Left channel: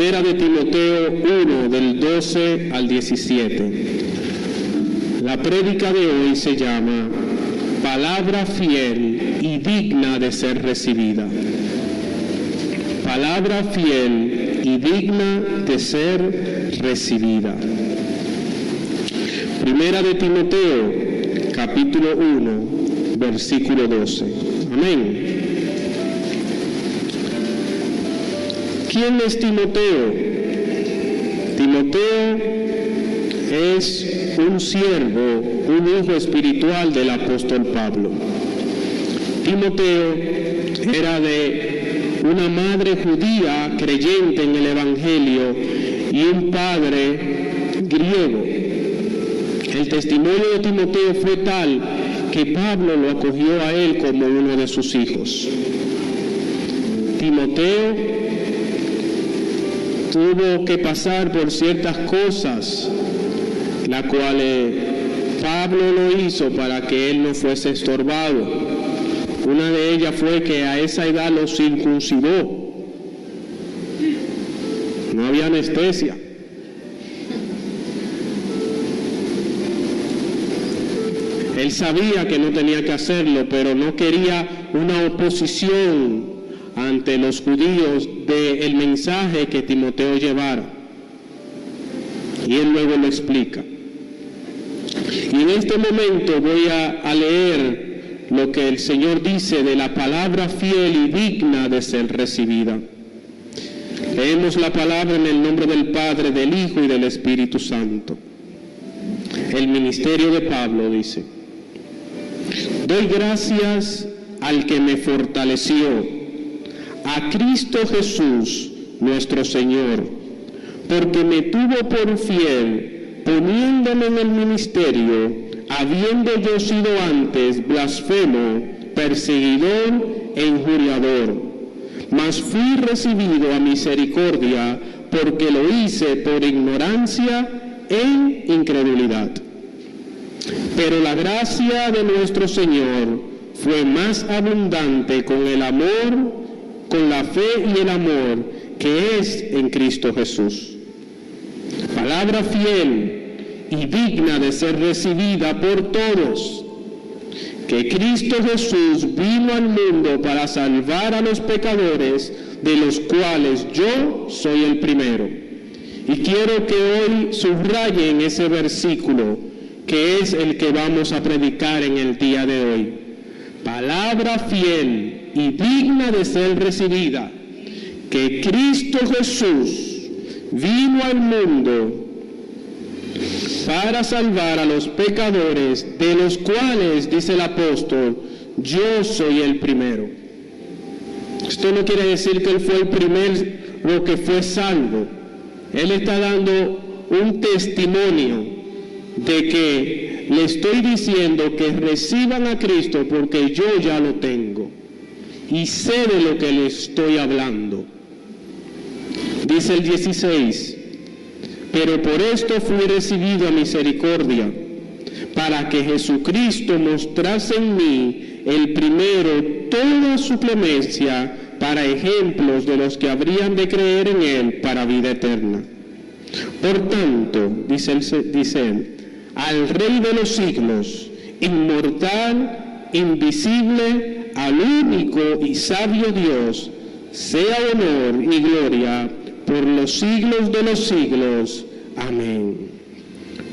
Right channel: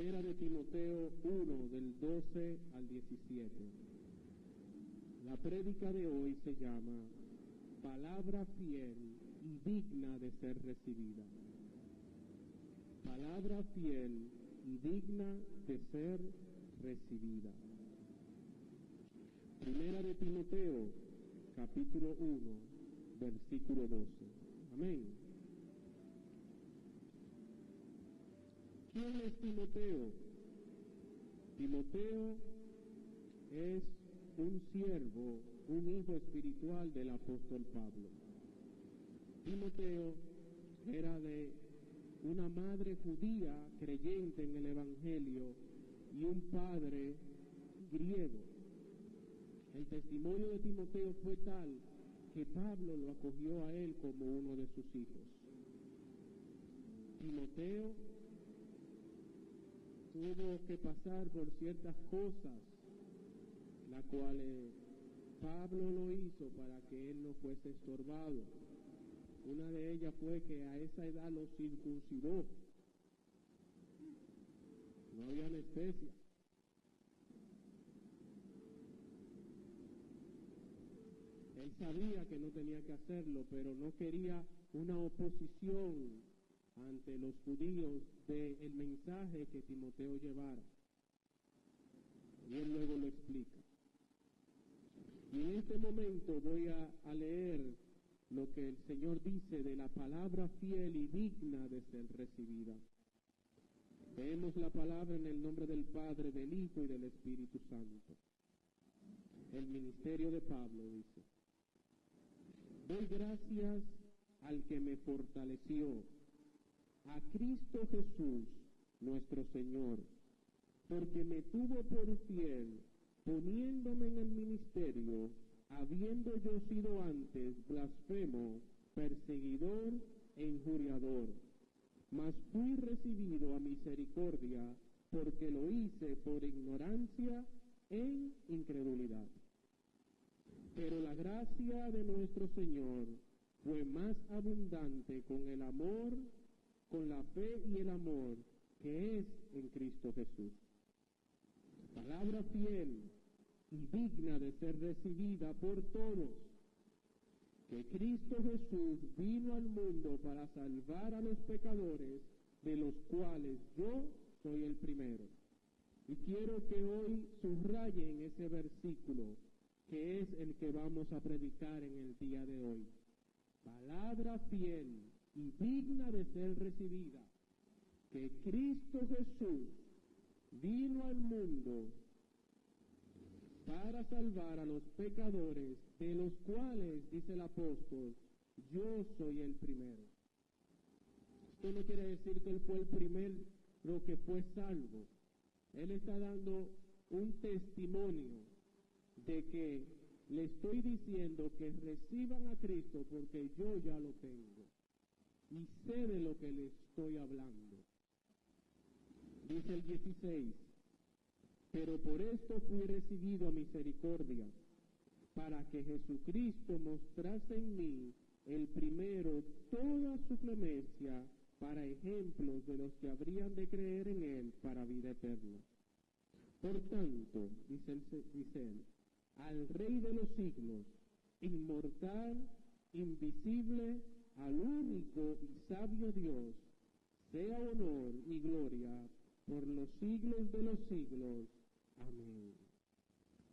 Primera de Timoteo 1, del 12 al 17. La prédica de hoy se llama Palabra fiel y digna de ser recibida. Palabra fiel y digna de ser recibida. Primera de Timoteo, capítulo 1, versículo 12. Amén. ¿Quién es Timoteo? Timoteo es un siervo, un hijo espiritual del apóstol Pablo. Timoteo era de una madre judía creyente en el Evangelio y un padre griego. El testimonio de Timoteo fue tal que Pablo lo acogió a él como uno de sus hijos. Timoteo tuvo que pasar por ciertas cosas, las cuales Pablo lo hizo para que él no fuese estorbado. Una de ellas fue que a esa edad lo circuncidó. No había anestesia. Él sabía que no tenía que hacerlo, pero no quería una oposición ante los judíos del mensaje que Timoteo llevara. Y él luego lo explica. Y en este momento voy a leer lo que el Señor dice de la palabra fiel y digna de ser recibida. Leemos la palabra en el nombre del Padre, del Hijo y del Espíritu Santo. El ministerio de Pablo dice: doy gracias al que me fortaleció, a Cristo Jesús, nuestro Señor, porque me tuvo por fiel, poniéndome en el ministerio, habiendo yo sido antes blasfemo, perseguidor e injuriador. Mas fui recibido a misericordia, porque lo hice por ignorancia e incredulidad. Pero la gracia de nuestro Señor fue más abundante con el amor, con la fe y el amor que es en Cristo Jesús. Palabra fiel y digna de ser recibida por todos, que Cristo Jesús vino al mundo para salvar a los pecadores, de los cuales yo soy el primero. Y quiero que hoy subrayen ese versículo, que es el que vamos a predicar en el día de hoy. Palabra fiel y digna de ser recibida, que Cristo Jesús vino al mundo para salvar a los pecadores, de los cuales, dice el apóstol, yo soy el primero. Esto no quiere decir que él fue el primero que fue salvo. Él está dando un testimonio de que le estoy diciendo que reciban a Cristo porque yo ya lo tengo y sé de lo que le estoy hablando. Dice el 16: pero por esto fui recibido a misericordia, para que Jesucristo mostrase en mí el primero toda su clemencia, para ejemplos de los que habrían de creer en él para vida eterna. Por tanto, dice él, al Rey de los siglos, inmortal, invisible, al único y sabio Dios, sea honor y gloria por los siglos de los siglos. Amén.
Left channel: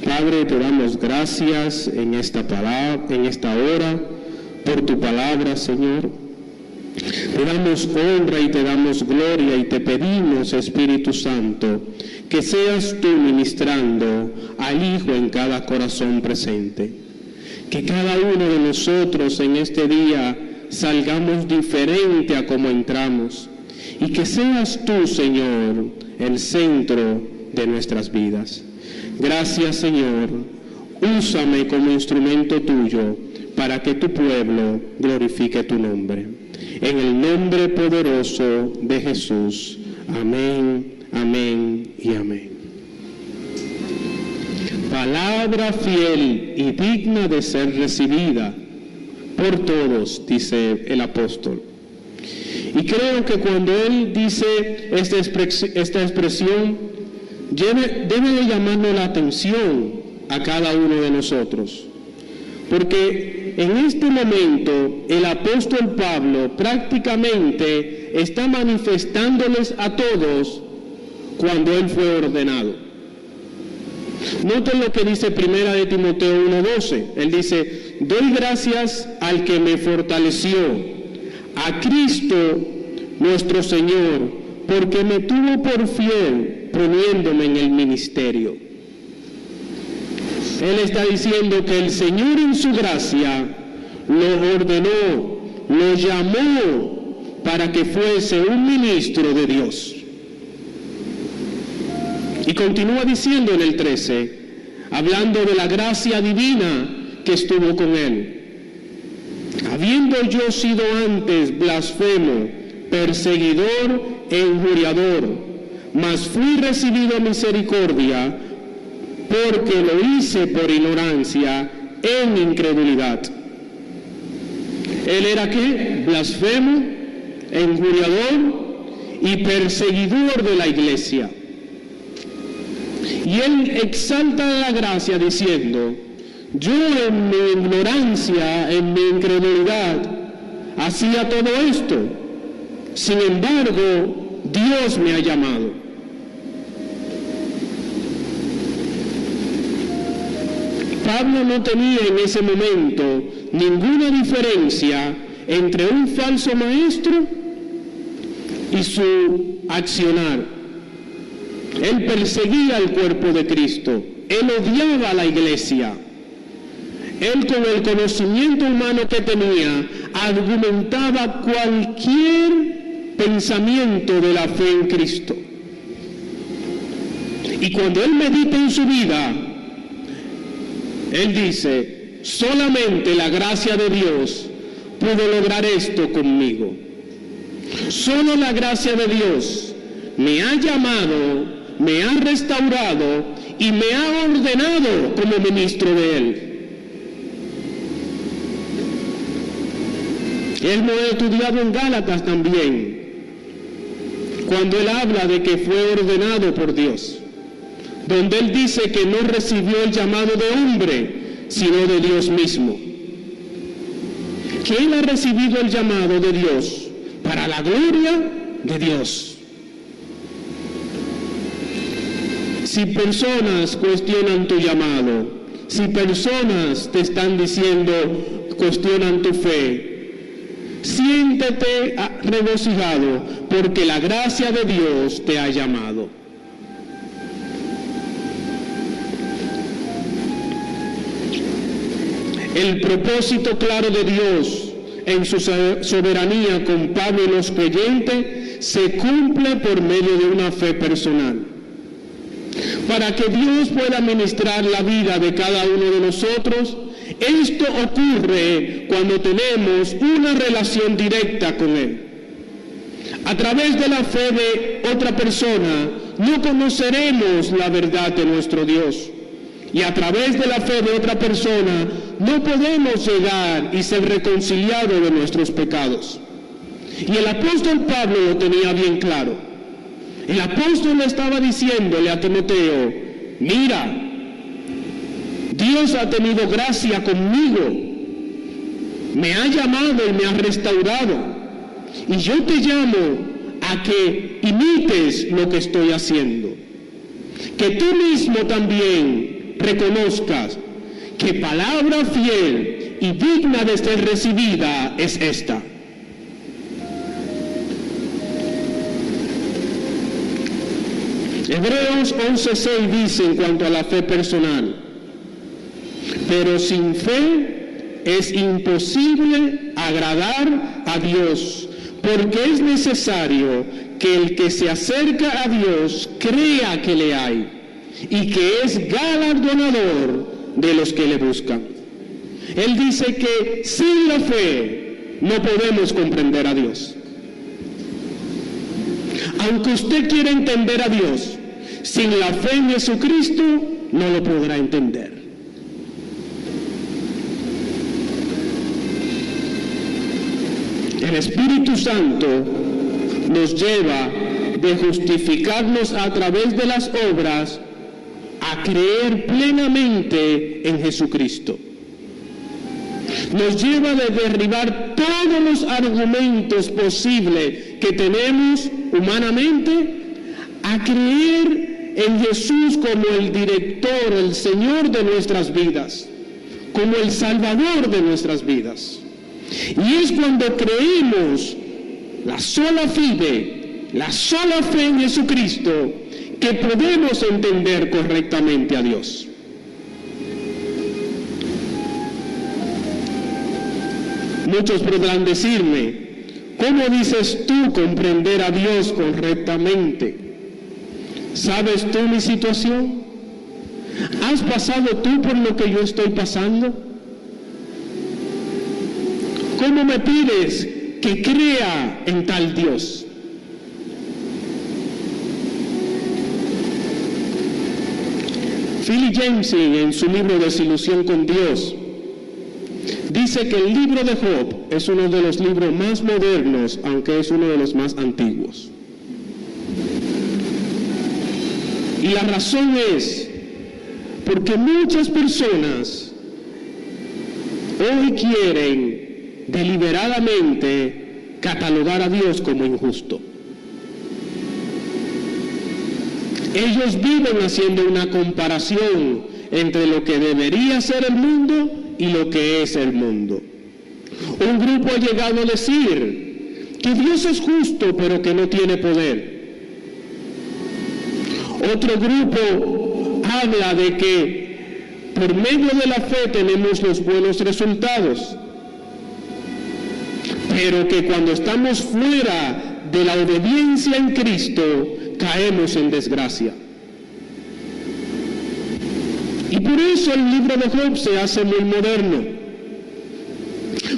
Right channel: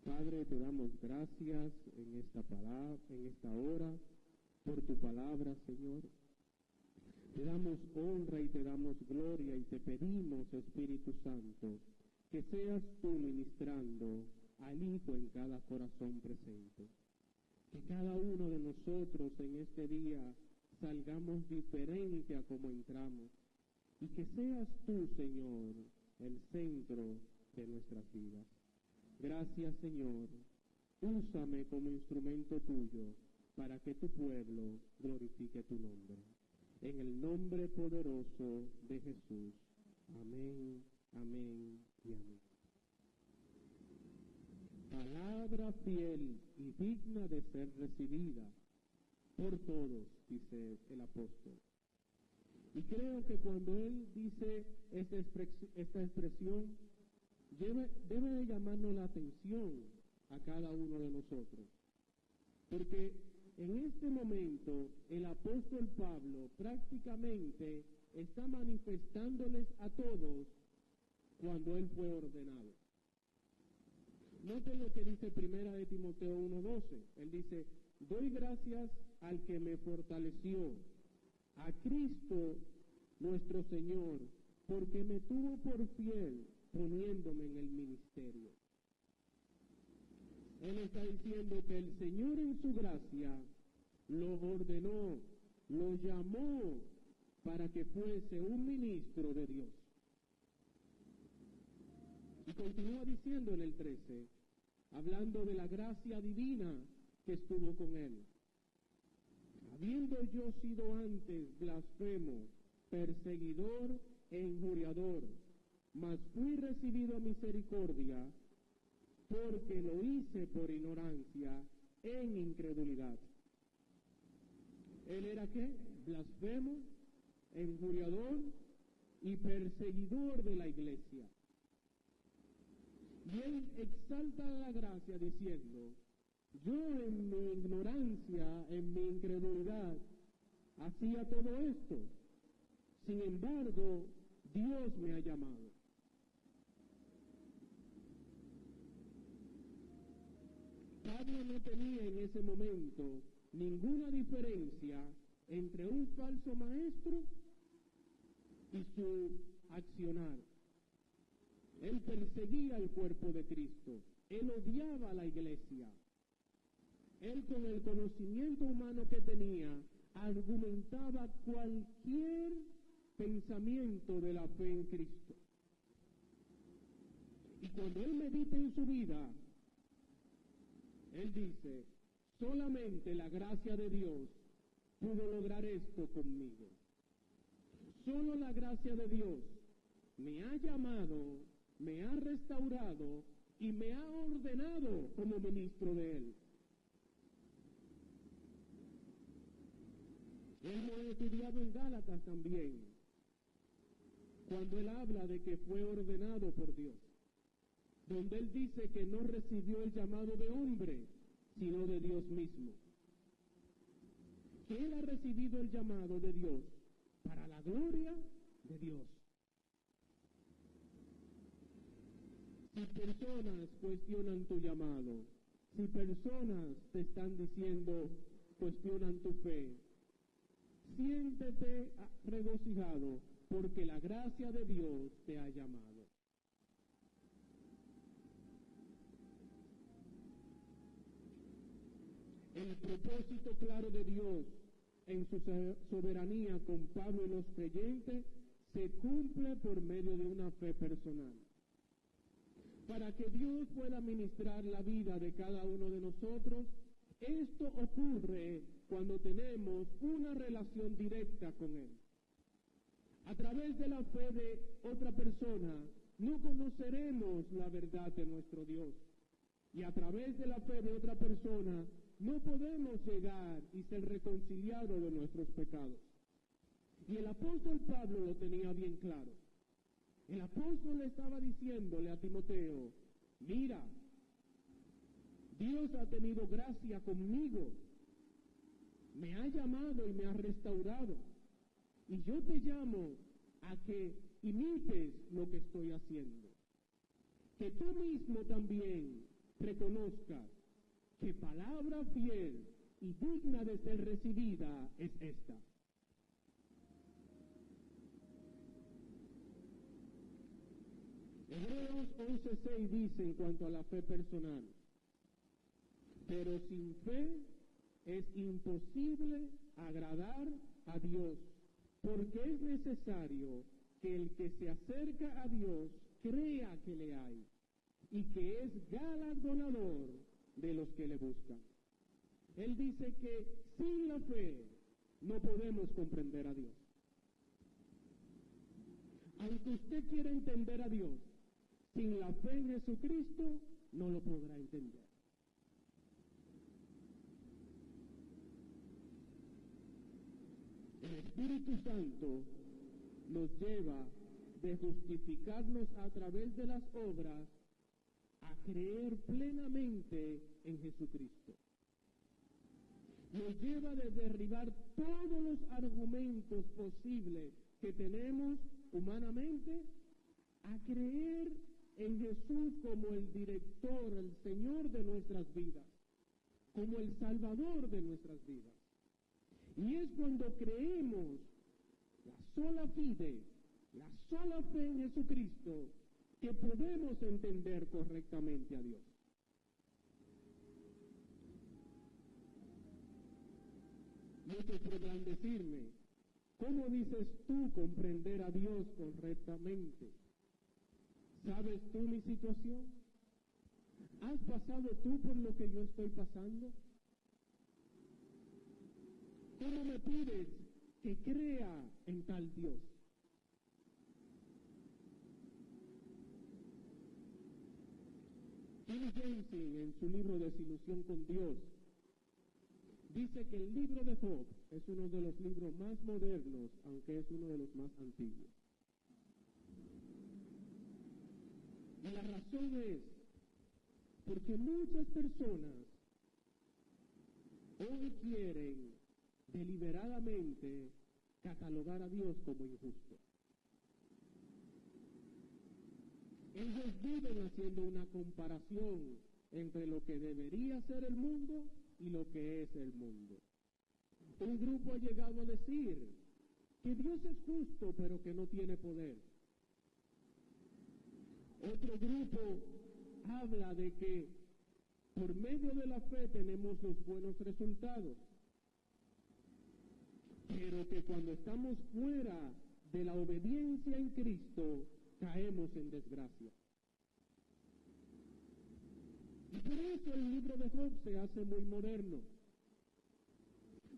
Padre, te damos gracias en esta palabra, en esta hora, por tu palabra, Señor. Te damos honra y te damos gloria y te pedimos, Espíritu Santo, que seas tú ministrando al Hijo en cada corazón presente. Que cada uno de nosotros en este día salgamos diferente a como entramos. Y que seas tú, Señor, el centro de nuestras vidas. Gracias, Señor. Úsame como instrumento tuyo para que tu pueblo glorifique tu nombre. En el nombre poderoso de Jesús. Amén, amén y amén. Palabra fiel y digna de ser recibida por todos, dice el apóstol. Y creo que cuando él dice esta expresión, debe de llamarnos la atención a cada uno de nosotros. Porque en este momento el apóstol Pablo prácticamente está manifestándoles a todos cuando él fue ordenado. Noten lo que dice Primera de Timoteo 1:12. Él dice: doy gracias al que me fortaleció, a Cristo nuestro Señor, porque me tuvo por fiel poniéndome en el ministerio. Él está diciendo que el Señor en su gracia lo ordenó, lo llamó para que fuese un ministro de Dios. Y continúa diciendo en el 13, hablando de la gracia divina que estuvo con él. Habiendo yo sido antes blasfemo, perseguidor e injuriador, mas fui recibido misericordia, porque lo hice por ignorancia en incredulidad. Él era ¿qué? Blasfemo, injuriador y perseguidor de la iglesia. Y él exalta la gracia diciendo: yo en mi ignorancia, en mi incredulidad, hacía todo esto. Sin embargo, Dios me ha llamado. Pablo no tenía en ese momento ninguna diferencia entre un falso maestro y su accionar. Él perseguía al cuerpo de Cristo, él odiaba a la iglesia. Él, con el conocimiento humano que tenía, argumentaba cualquier pensamiento de la fe en Cristo. Y cuando él medita en su vida, él dice: solamente la gracia de Dios pudo lograr esto conmigo. Solo la gracia de Dios me ha llamado, me ha restaurado y me ha ordenado como ministro de Él. Él lo ha estudiado en Gálatas también, cuando él habla de que fue ordenado por Dios, donde él dice que no recibió el llamado de hombre, sino de Dios mismo. Que él ha recibido el llamado de Dios para la gloria de Dios. Si personas cuestionan tu llamado, si personas te están diciendo, cuestionan tu fe, siéntete regocijado porque la gracia de Dios te ha llamado. El propósito claro de Dios en su soberanía con Pablo y los creyentes se cumple por medio de una fe personal. Para que Dios pueda ministrar la vida de cada uno de nosotros, esto ocurre cuando tenemos una relación directa con Él. A través de la fe de otra persona no conoceremos la verdad de nuestro Dios. Y a través de la fe de otra persona no podemos llegar y ser reconciliados de nuestros pecados. Y el apóstol Pablo lo tenía bien claro. El apóstol estaba diciéndole a Timoteo: mira, Dios ha tenido gracia conmigo, me ha llamado y me ha restaurado, y yo te llamo a que imites lo que estoy haciendo, que tú mismo también reconozcas que palabra fiel y digna de ser recibida es esta. Hebreos 11:6 dice en cuanto a la fe personal: pero sin fe es imposible agradar a Dios, porque es necesario que el que se acerca a Dios crea que le hay y que es galardonador de los que le buscan. Él dice que sin la fe no podemos comprender a Dios. Aunque usted quiera entender a Dios, sin la fe en Jesucristo no lo podrá entender. El Espíritu Santo nos lleva de justificarnos a través de las obras a creer plenamente en Jesucristo. Nos lleva de derribar todos los argumentos posibles que tenemos humanamente a creer en Jesús como el director, el Señor de nuestras vidas, como el Salvador de nuestras vidas. Y es cuando creemos la sola fe en Jesucristo que podemos entender correctamente a Dios. Muchos podrán decirme, ¿cómo dices tú comprender a Dios correctamente? ¿Sabes tú mi situación? ¿Has pasado tú por lo que yo estoy pasando? ¿Cómo me pides que crea en tal Dios? Philip Yancey, en su libro Desilusión con Dios, dice que el libro de Job es uno de los libros más modernos, aunque es uno de los más antiguos. Y la razón es porque muchas personas hoy quieren deliberadamente catalogar a Dios como injusto. Ellos viven haciendo una comparación entre lo que debería ser el mundo y lo que es el mundo. Un grupo ha llegado a decir que Dios es justo pero que no tiene poder. Otro grupo habla de que por medio de la fe tenemos los buenos resultados, pero que cuando estamos fuera de la obediencia en Cristo caemos en desgracia. Y por eso el libro de Job se hace muy moderno,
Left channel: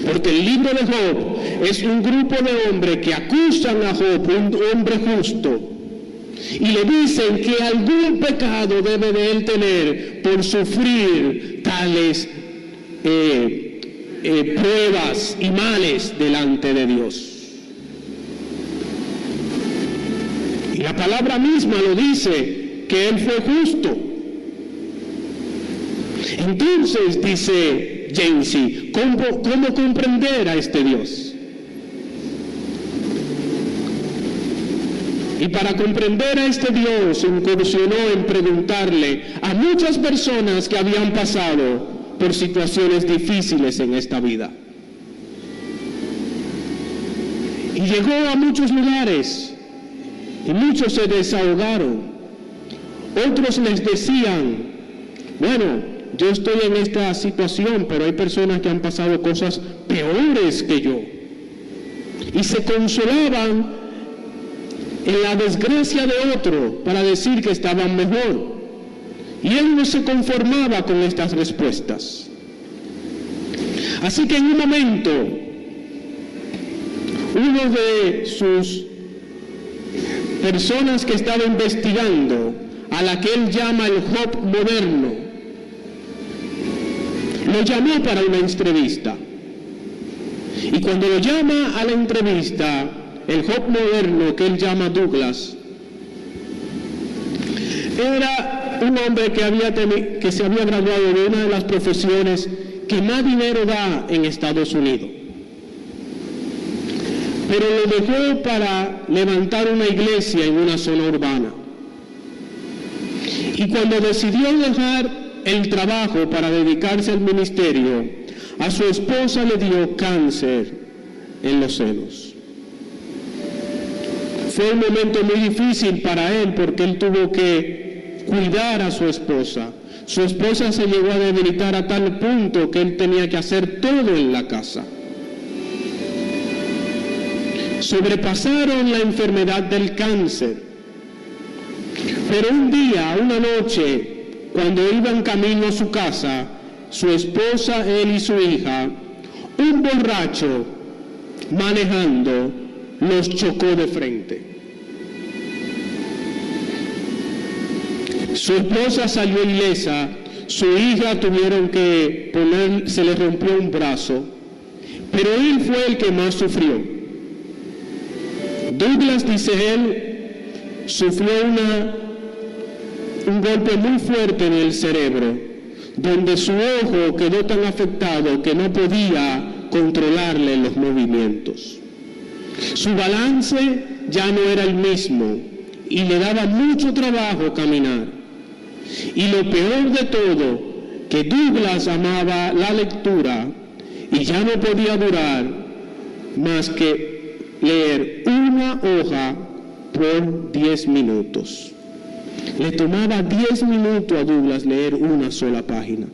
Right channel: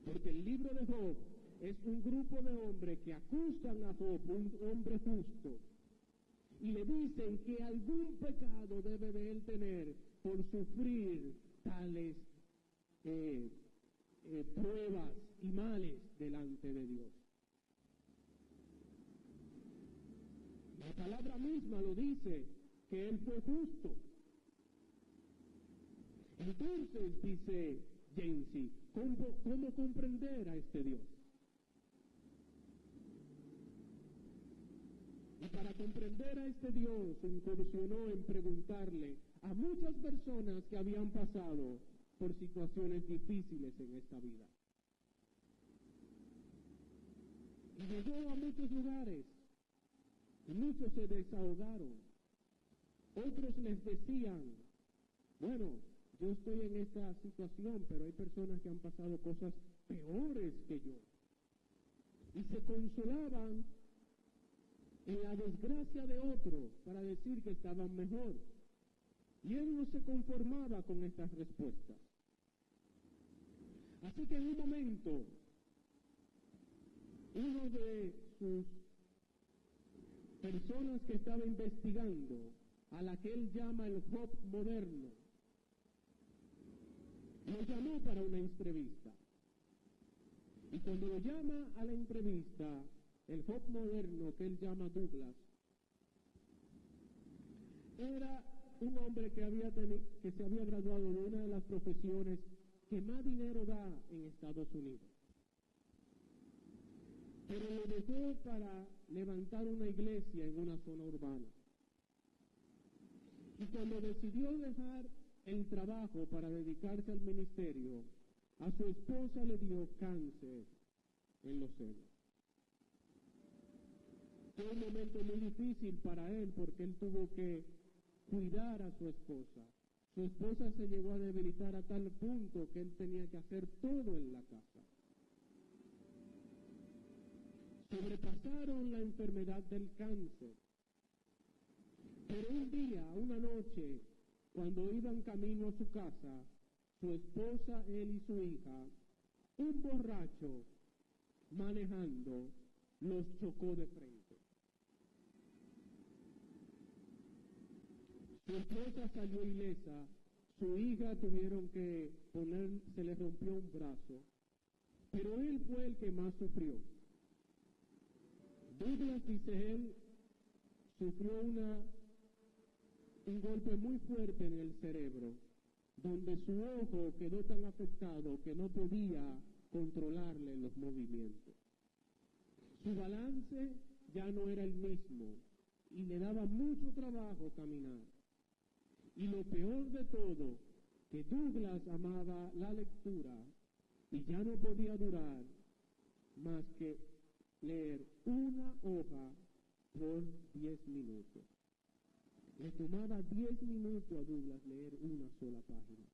porque el libro de Job es un grupo de hombres que acusan a Job, un hombre justo, y le dicen que algún pecado debe de él tener por sufrir tales pruebas y males delante de Dios. Y la palabra misma lo dice, que él fue justo. Entonces, dice Yancey, ¿cómo comprender a este Dios? Y para comprender a este Dios incursionó en preguntarle a muchas personas que habían pasado por situaciones difíciles en esta vida. Y llegó a muchos lugares y muchos se desahogaron. Otros les decían, bueno, yo estoy en esta situación, pero hay personas que han pasado cosas peores que yo. Y se consolaban en la desgracia de otro para decir que estaban mejor. Y él no se conformaba con estas respuestas. Así que en un momento, uno de sus personas que estaba investigando, a la que él llama el Job moderno, lo llamó para una entrevista. Y cuando lo llama a la entrevista, el Job moderno, que él llama Douglas, era un hombre que se había graduado de una de las profesiones que más dinero da en Estados Unidos. Pero lo dejó para levantar una iglesia en una zona urbana. Y cuando decidió dejar el trabajo para dedicarse al ministerio, a su esposa le dio cáncer en los senos. Fue un momento muy difícil para él porque él tuvo que cuidar a su esposa. Su esposa se llegó a debilitar a tal punto que él tenía que hacer todo en la casa. Sobrepasaron la enfermedad del cáncer. Pero un día, una noche, cuando iban camino a su casa, su esposa, él y su hija, un borracho manejando los chocó de frente. Su esposa salió ilesa, su hija se le rompió un brazo, pero él fue el que más sufrió. Douglas, dice él, sufrió un golpe muy fuerte en el cerebro, donde su ojo quedó tan afectado que no podía controlarle los movimientos. Su balance ya no era el mismo y le daba mucho trabajo caminar. Y lo peor de todo, que Douglas amaba la lectura y ya no podía durar más que leer una hoja por 10 minutos. Le tomaba 10 minutos a Douglas leer una sola página.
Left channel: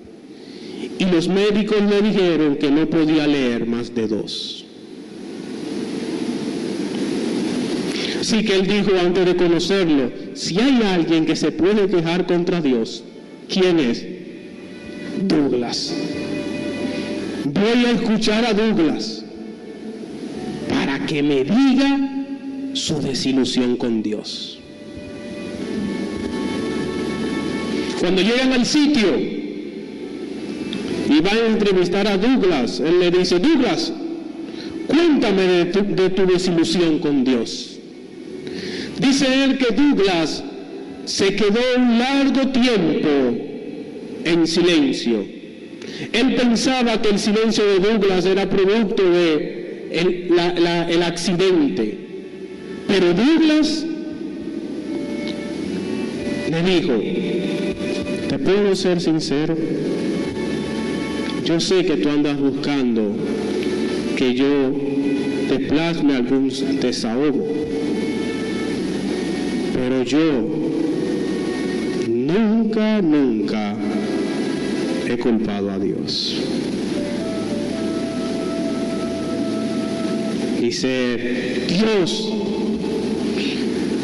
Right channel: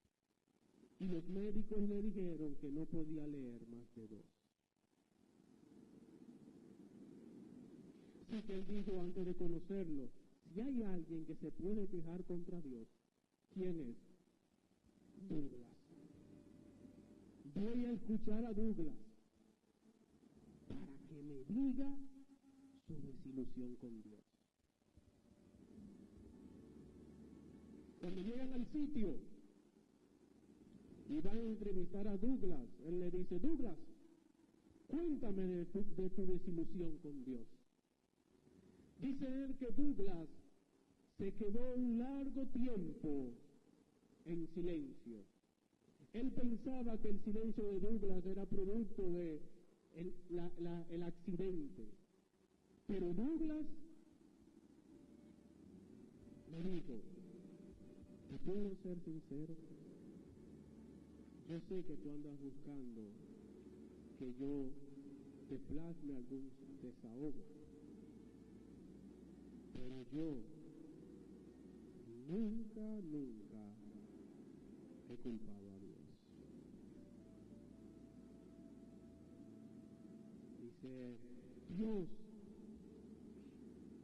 Y los médicos le dijeron que no podía leer más de 2. Así que él dijo antes de conocerlo, si hay alguien que se puede quejar contra Dios, ¿quién es? Douglas. Voy a escuchar a Douglas para que me diga su desilusión con Dios. Cuando llegan al sitio y van a entrevistar a Douglas, él le dice, Douglas, cuéntame de tu desilusión con Dios. Dice él que Douglas se quedó un largo tiempo en silencio. Él pensaba que el silencio de Douglas era producto de el accidente. Pero Douglas le dijo, ¿te puedo ser sincero? Yo sé que tú andas buscando que yo te plasme algún desahogo, pero yo nunca he culpado a Dios. Dice, Dios,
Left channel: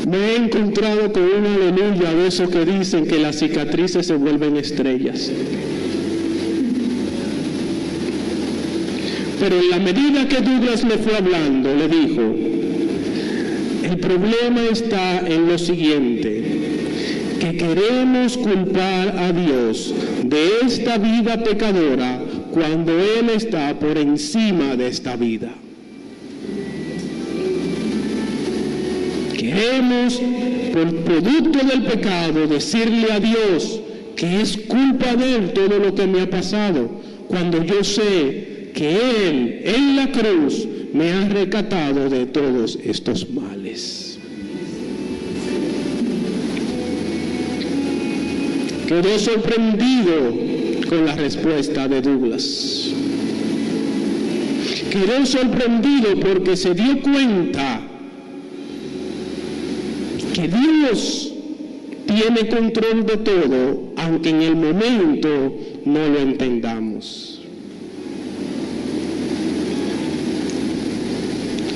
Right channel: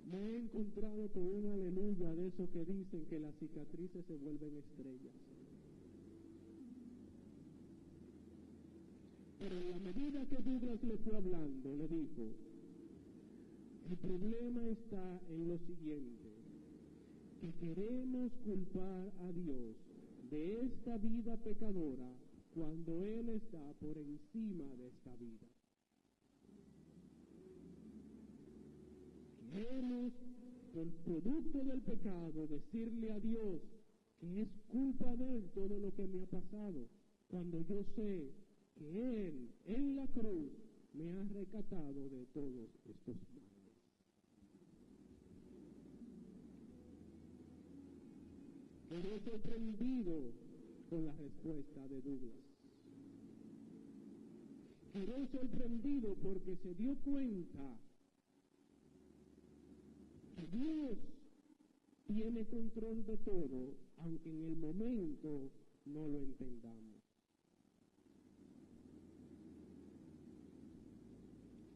me he encontrado con una aleluya de esos que dicen que las cicatrices se vuelven estrellas. Pero en la medida que Douglas le fue hablando, le dijo, el problema está en lo siguiente, que queremos culpar a Dios de esta vida pecadora cuando Él está por encima de esta vida. Queremos, por producto del pecado, decirle a Dios que es culpa de Él todo lo que me ha pasado, cuando yo sé que Él, en la cruz, me ha rescatado de todos estos males. Quedó sorprendido con la respuesta de Douglas. Quedó sorprendido porque se dio cuenta que Dios tiene control de todo, aunque en el momento no lo entendamos.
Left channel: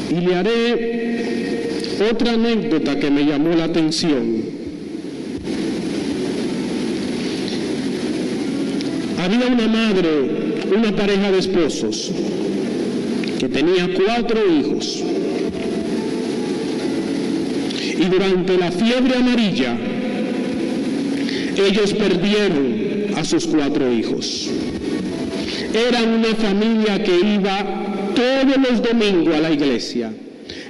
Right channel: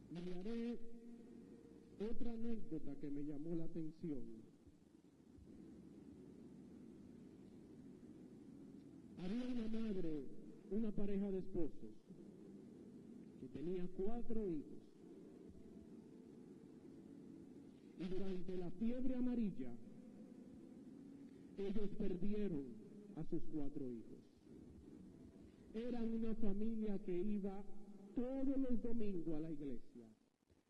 Y le haré otra anécdota que me llamó la atención. Había una madre, una pareja de esposos, que tenía 4 hijos. Y durante la fiebre amarilla, ellos perdieron a sus 4 hijos. Eran una familia que iba todos los domingos a la iglesia.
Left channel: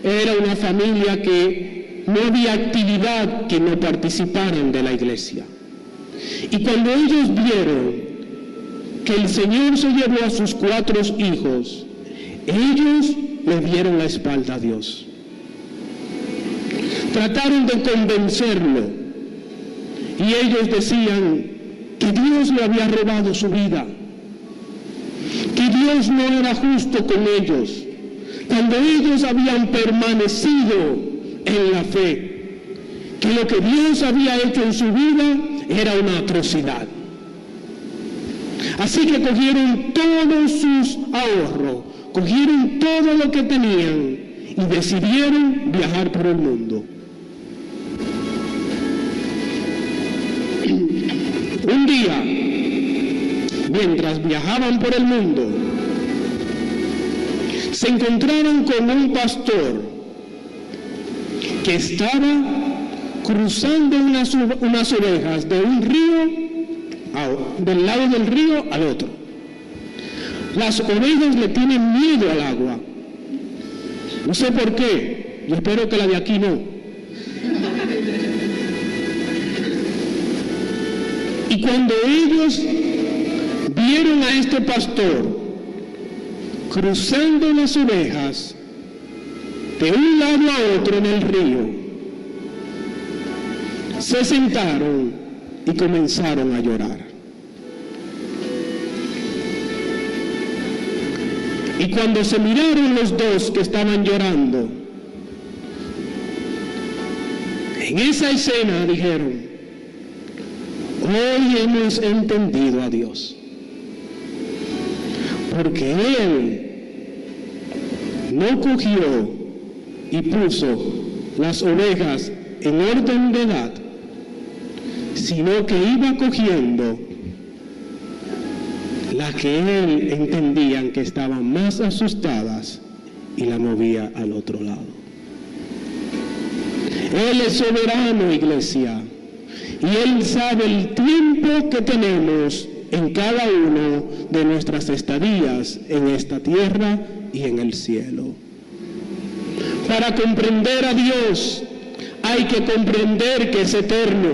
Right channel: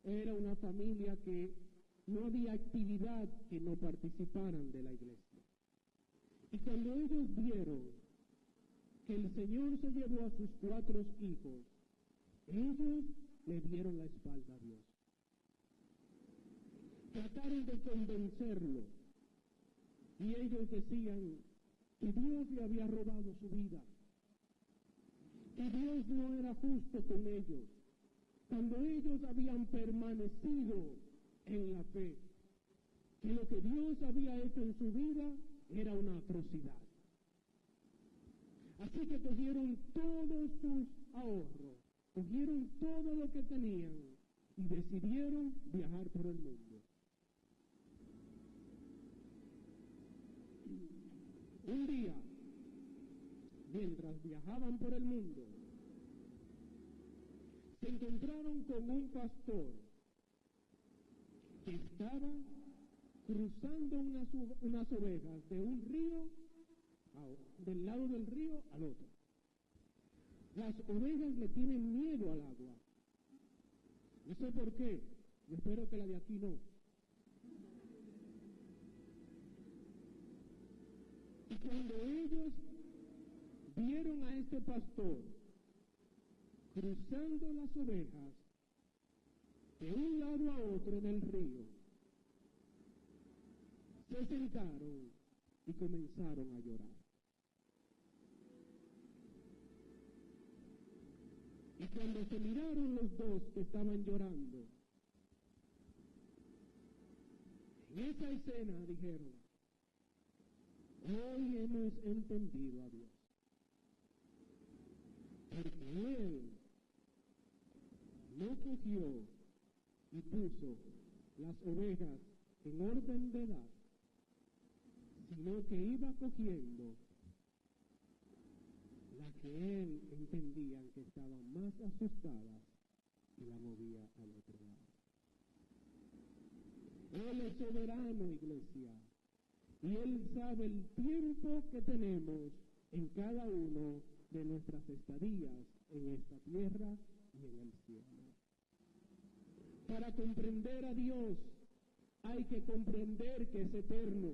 Era una familia que no había actividad que no participaran de la iglesia. Y cuando ellos vieron que el Señor se llevó a sus 4 hijos, ellos le dieron la espalda a Dios. Trataron de convencerlo y ellos decían que Dios le había robado su vida, que Dios no era justo con ellos, cuando ellos habían permanecido en la fe, que lo que Dios había hecho en su vida era una atrocidad. Así que cogieron todos sus ahorros, cogieron todo lo que tenían y decidieron viajar por el mundo. Un día, mientras viajaban por el mundo, se encontraron con un pastor que estaba cruzando unas ovejas de un río, del lado del río al otro. Las ovejas le tienen miedo al agua. No sé por qué, Yo espero que la de aquí no. Y cuando ellos vieron a este pastor cruzando las ovejas de un lado a otro en el río, se sentaron y comenzaron a llorar. Y cuando se miraron los dos que estaban llorando, en esa escena dijeron: hoy hemos entendido a Dios, porque Él no cogió y puso las ovejas en orden de edad, sino que iba cogiendo las que Él entendían que estaban más asustadas y la movía al otro lado. Él es soberano, iglesia, y Él sabe el tiempo que tenemos en cada uno de nuestras estadías en esta tierra y en el cielo. Para comprender a Dios hay que comprender que es eterno.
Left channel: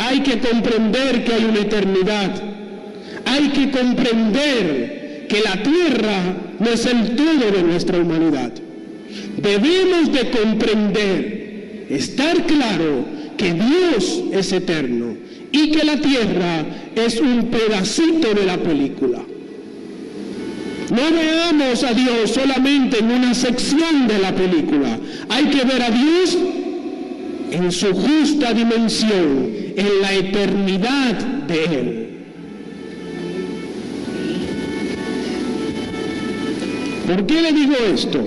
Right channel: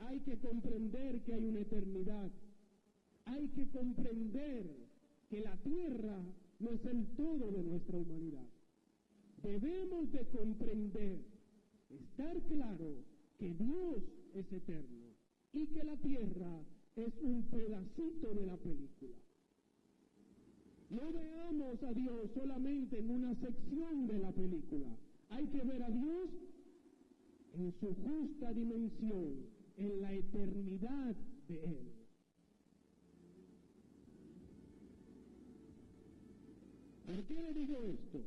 Hay que comprender que hay una eternidad. Hay que comprender que la tierra no es el todo de nuestra humanidad. Debemos de comprender, estar claro que Dios es eterno y que la tierra es un pedacito de la película. No veamos a Dios solamente en una sección de la película. Hay que ver a Dios en su justa dimensión, en la eternidad de Él. ¿Por qué le digo esto?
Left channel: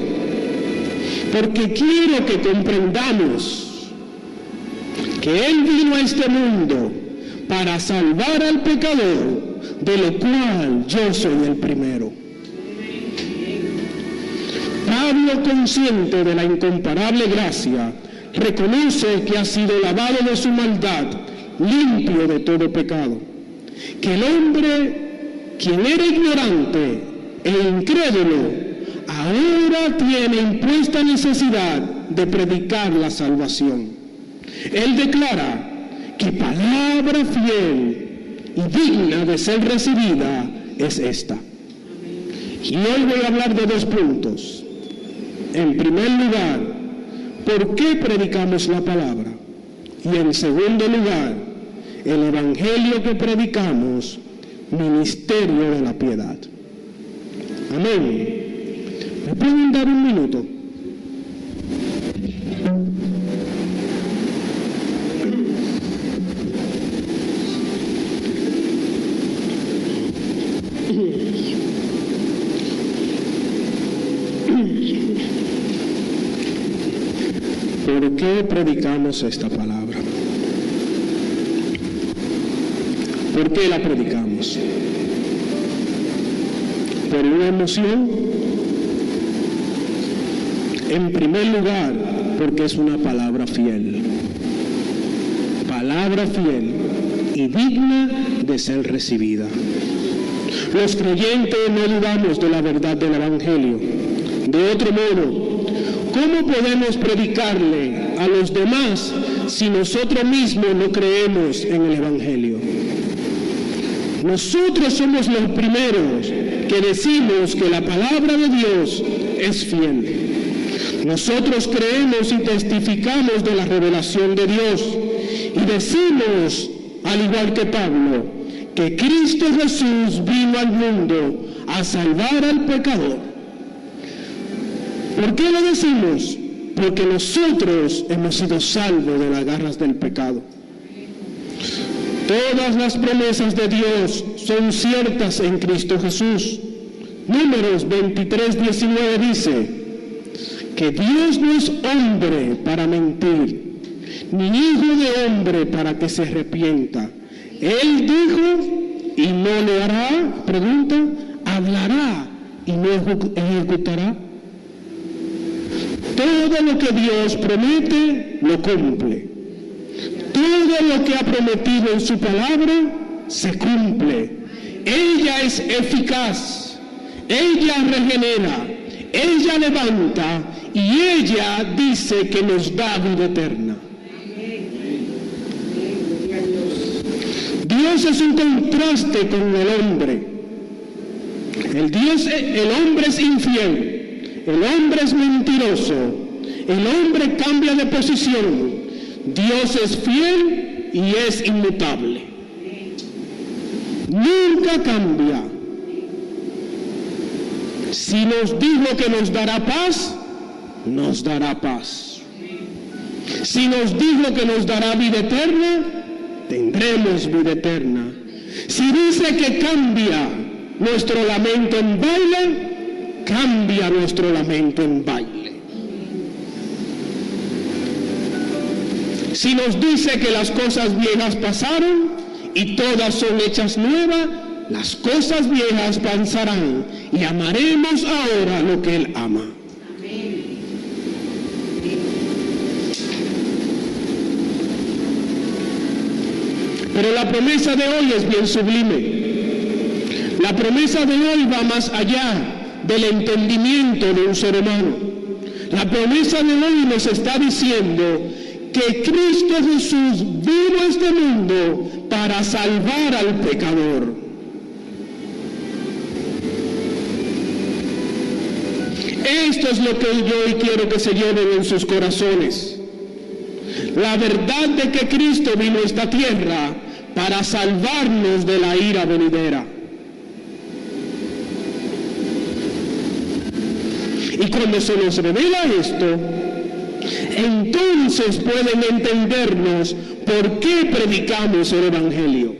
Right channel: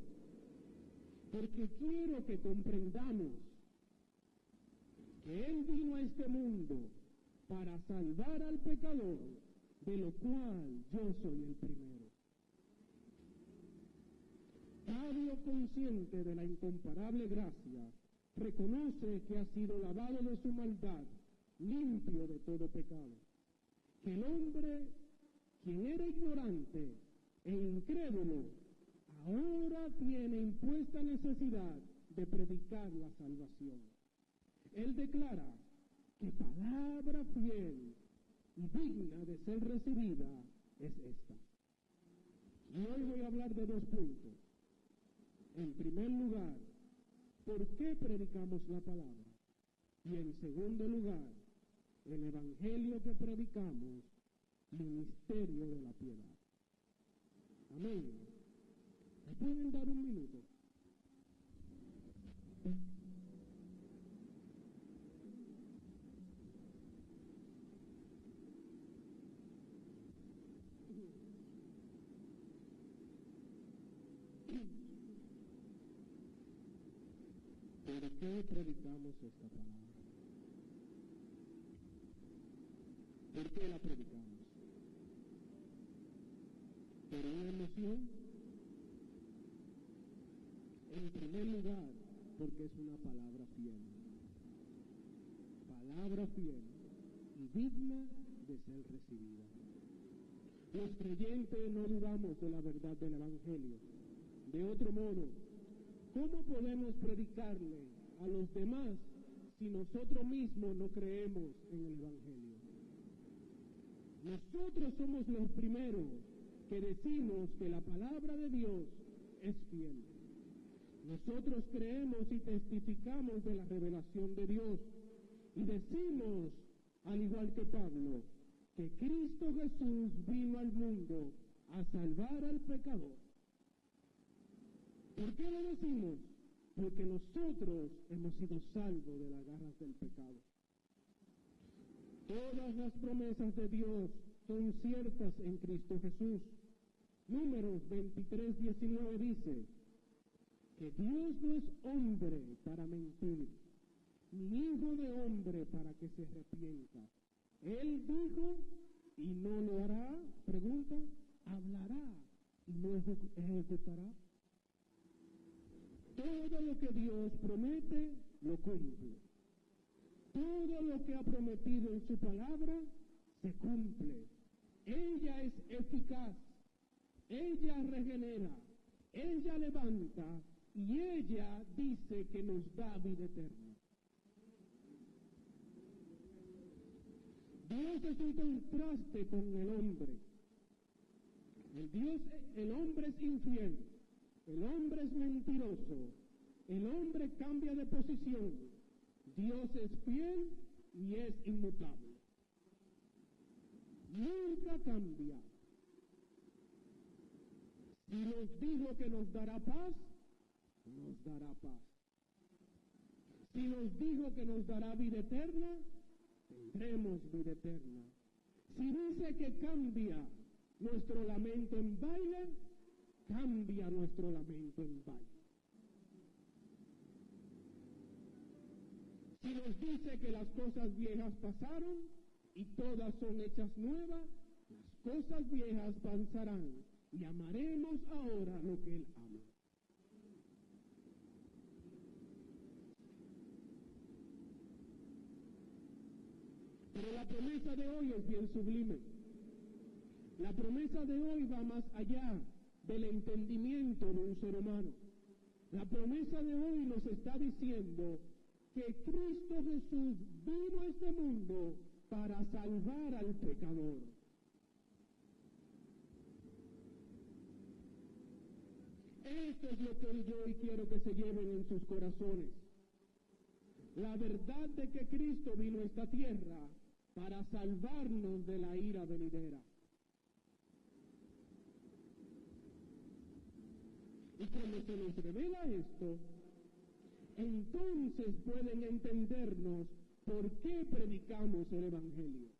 Porque quiero que comprendamos que Él vino a este mundo para salvar al pecador, de lo cual yo soy el primero. Pablo, consciente de la incomparable gracia, reconoce que ha sido lavado de su maldad, limpio de todo pecado. Que el hombre, quien era ignorante e incrédulo, ahora tiene impuesta necesidad de predicar la salvación. Él declara que palabra fiel y digna de ser recibida es esta. Y hoy voy a hablar de dos puntos. En primer lugar, ¿por qué predicamos la palabra? Y en segundo lugar, el evangelio que predicamos, ministerio de la piedad. Amén. ¿Me pueden dar un minuto? ¿Por qué predicamos esta palabra? ¿Por qué la predicamos? ¿Por una emoción? En primer lugar, porque es una palabra fiel. Palabra fiel y digna de ser recibida. Los creyentes no dudamos de la verdad del Evangelio. De otro modo, ¿cómo podemos predicarle a los demás si nosotros mismos no creemos en el Evangelio? Nosotros somos los primeros que decimos que la palabra de Dios es fiel. Nosotros creemos y testificamos de la revelación de Dios y decimos, al igual que Pablo, que Cristo Jesús vino al mundo a salvar al pecador. ¿Por qué lo decimos? Porque nosotros hemos sido salvos de las garras del pecado. Todas las promesas de Dios son ciertas en Cristo Jesús. Números 23:19 dice que Dios no es hombre para mentir, ni hijo de hombre para que se arrepienta. Él dijo y no lo hará, pregunta, hablará y no ejecutará. Todo lo que Dios promete, lo cumple. Todo lo que ha prometido en su palabra, se cumple. Ella es eficaz, ella regenera, ella levanta y ella dice que nos da vida eterna. Dios es un contraste con el hombre. El hombre es infiel, el hombre es mentiroso, el hombre cambia de posición. Dios es fiel y es inmutable. Nunca cambia. Si nos dijo que nos dará paz, nos dará paz. Si nos dijo que nos dará vida eterna, tendremos vida eterna. Si dice que cambia nuestro lamento en baile, cambia nuestro lamento en baile. Si nos dice que las cosas viejas pasaron y todas son hechas nuevas, las cosas viejas pasarán y amaremos ahora lo que Él ama. Pero la promesa de hoy es bien sublime. La promesa de hoy va más allá del entendimiento de un ser humano. La promesa de hoy nos está diciendo que Cristo Jesús vino a este mundo para salvar al pecador. Esto es lo que yo hoy quiero que se lleven en sus corazones. La verdad de que Cristo vino a esta tierra para salvarnos de la ira venidera. Y cuando se nos revela esto, entonces pueden entendernos por qué predicamos el Evangelio.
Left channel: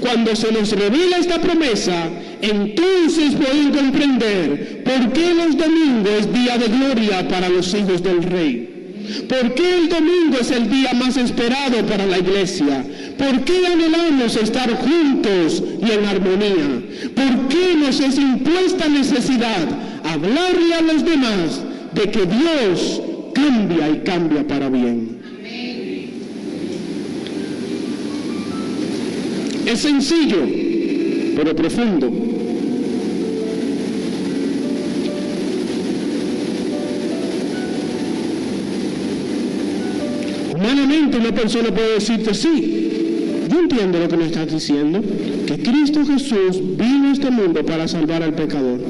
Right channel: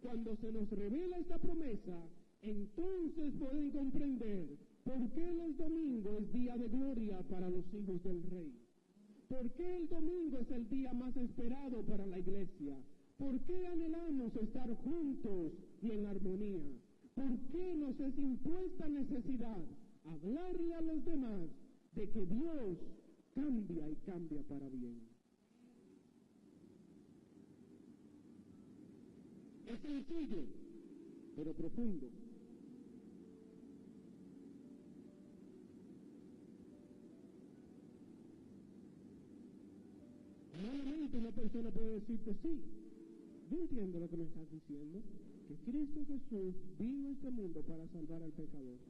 Cuando se nos revela esta promesa, entonces pueden comprender por qué los domingos es día de gloria para los hijos del Rey. ¿Por qué el domingo es el día más esperado para la iglesia? ¿Por qué anhelamos estar juntos y en armonía? ¿Por qué nos es impuesta necesidad hablarle a los demás de que Dios cambia y cambia para bien? Es sencillo, pero profundo. Humanamente una persona puede decirte, sí, yo entiendo lo que me estás diciendo, que Cristo Jesús vino a este mundo para salvar al pecador.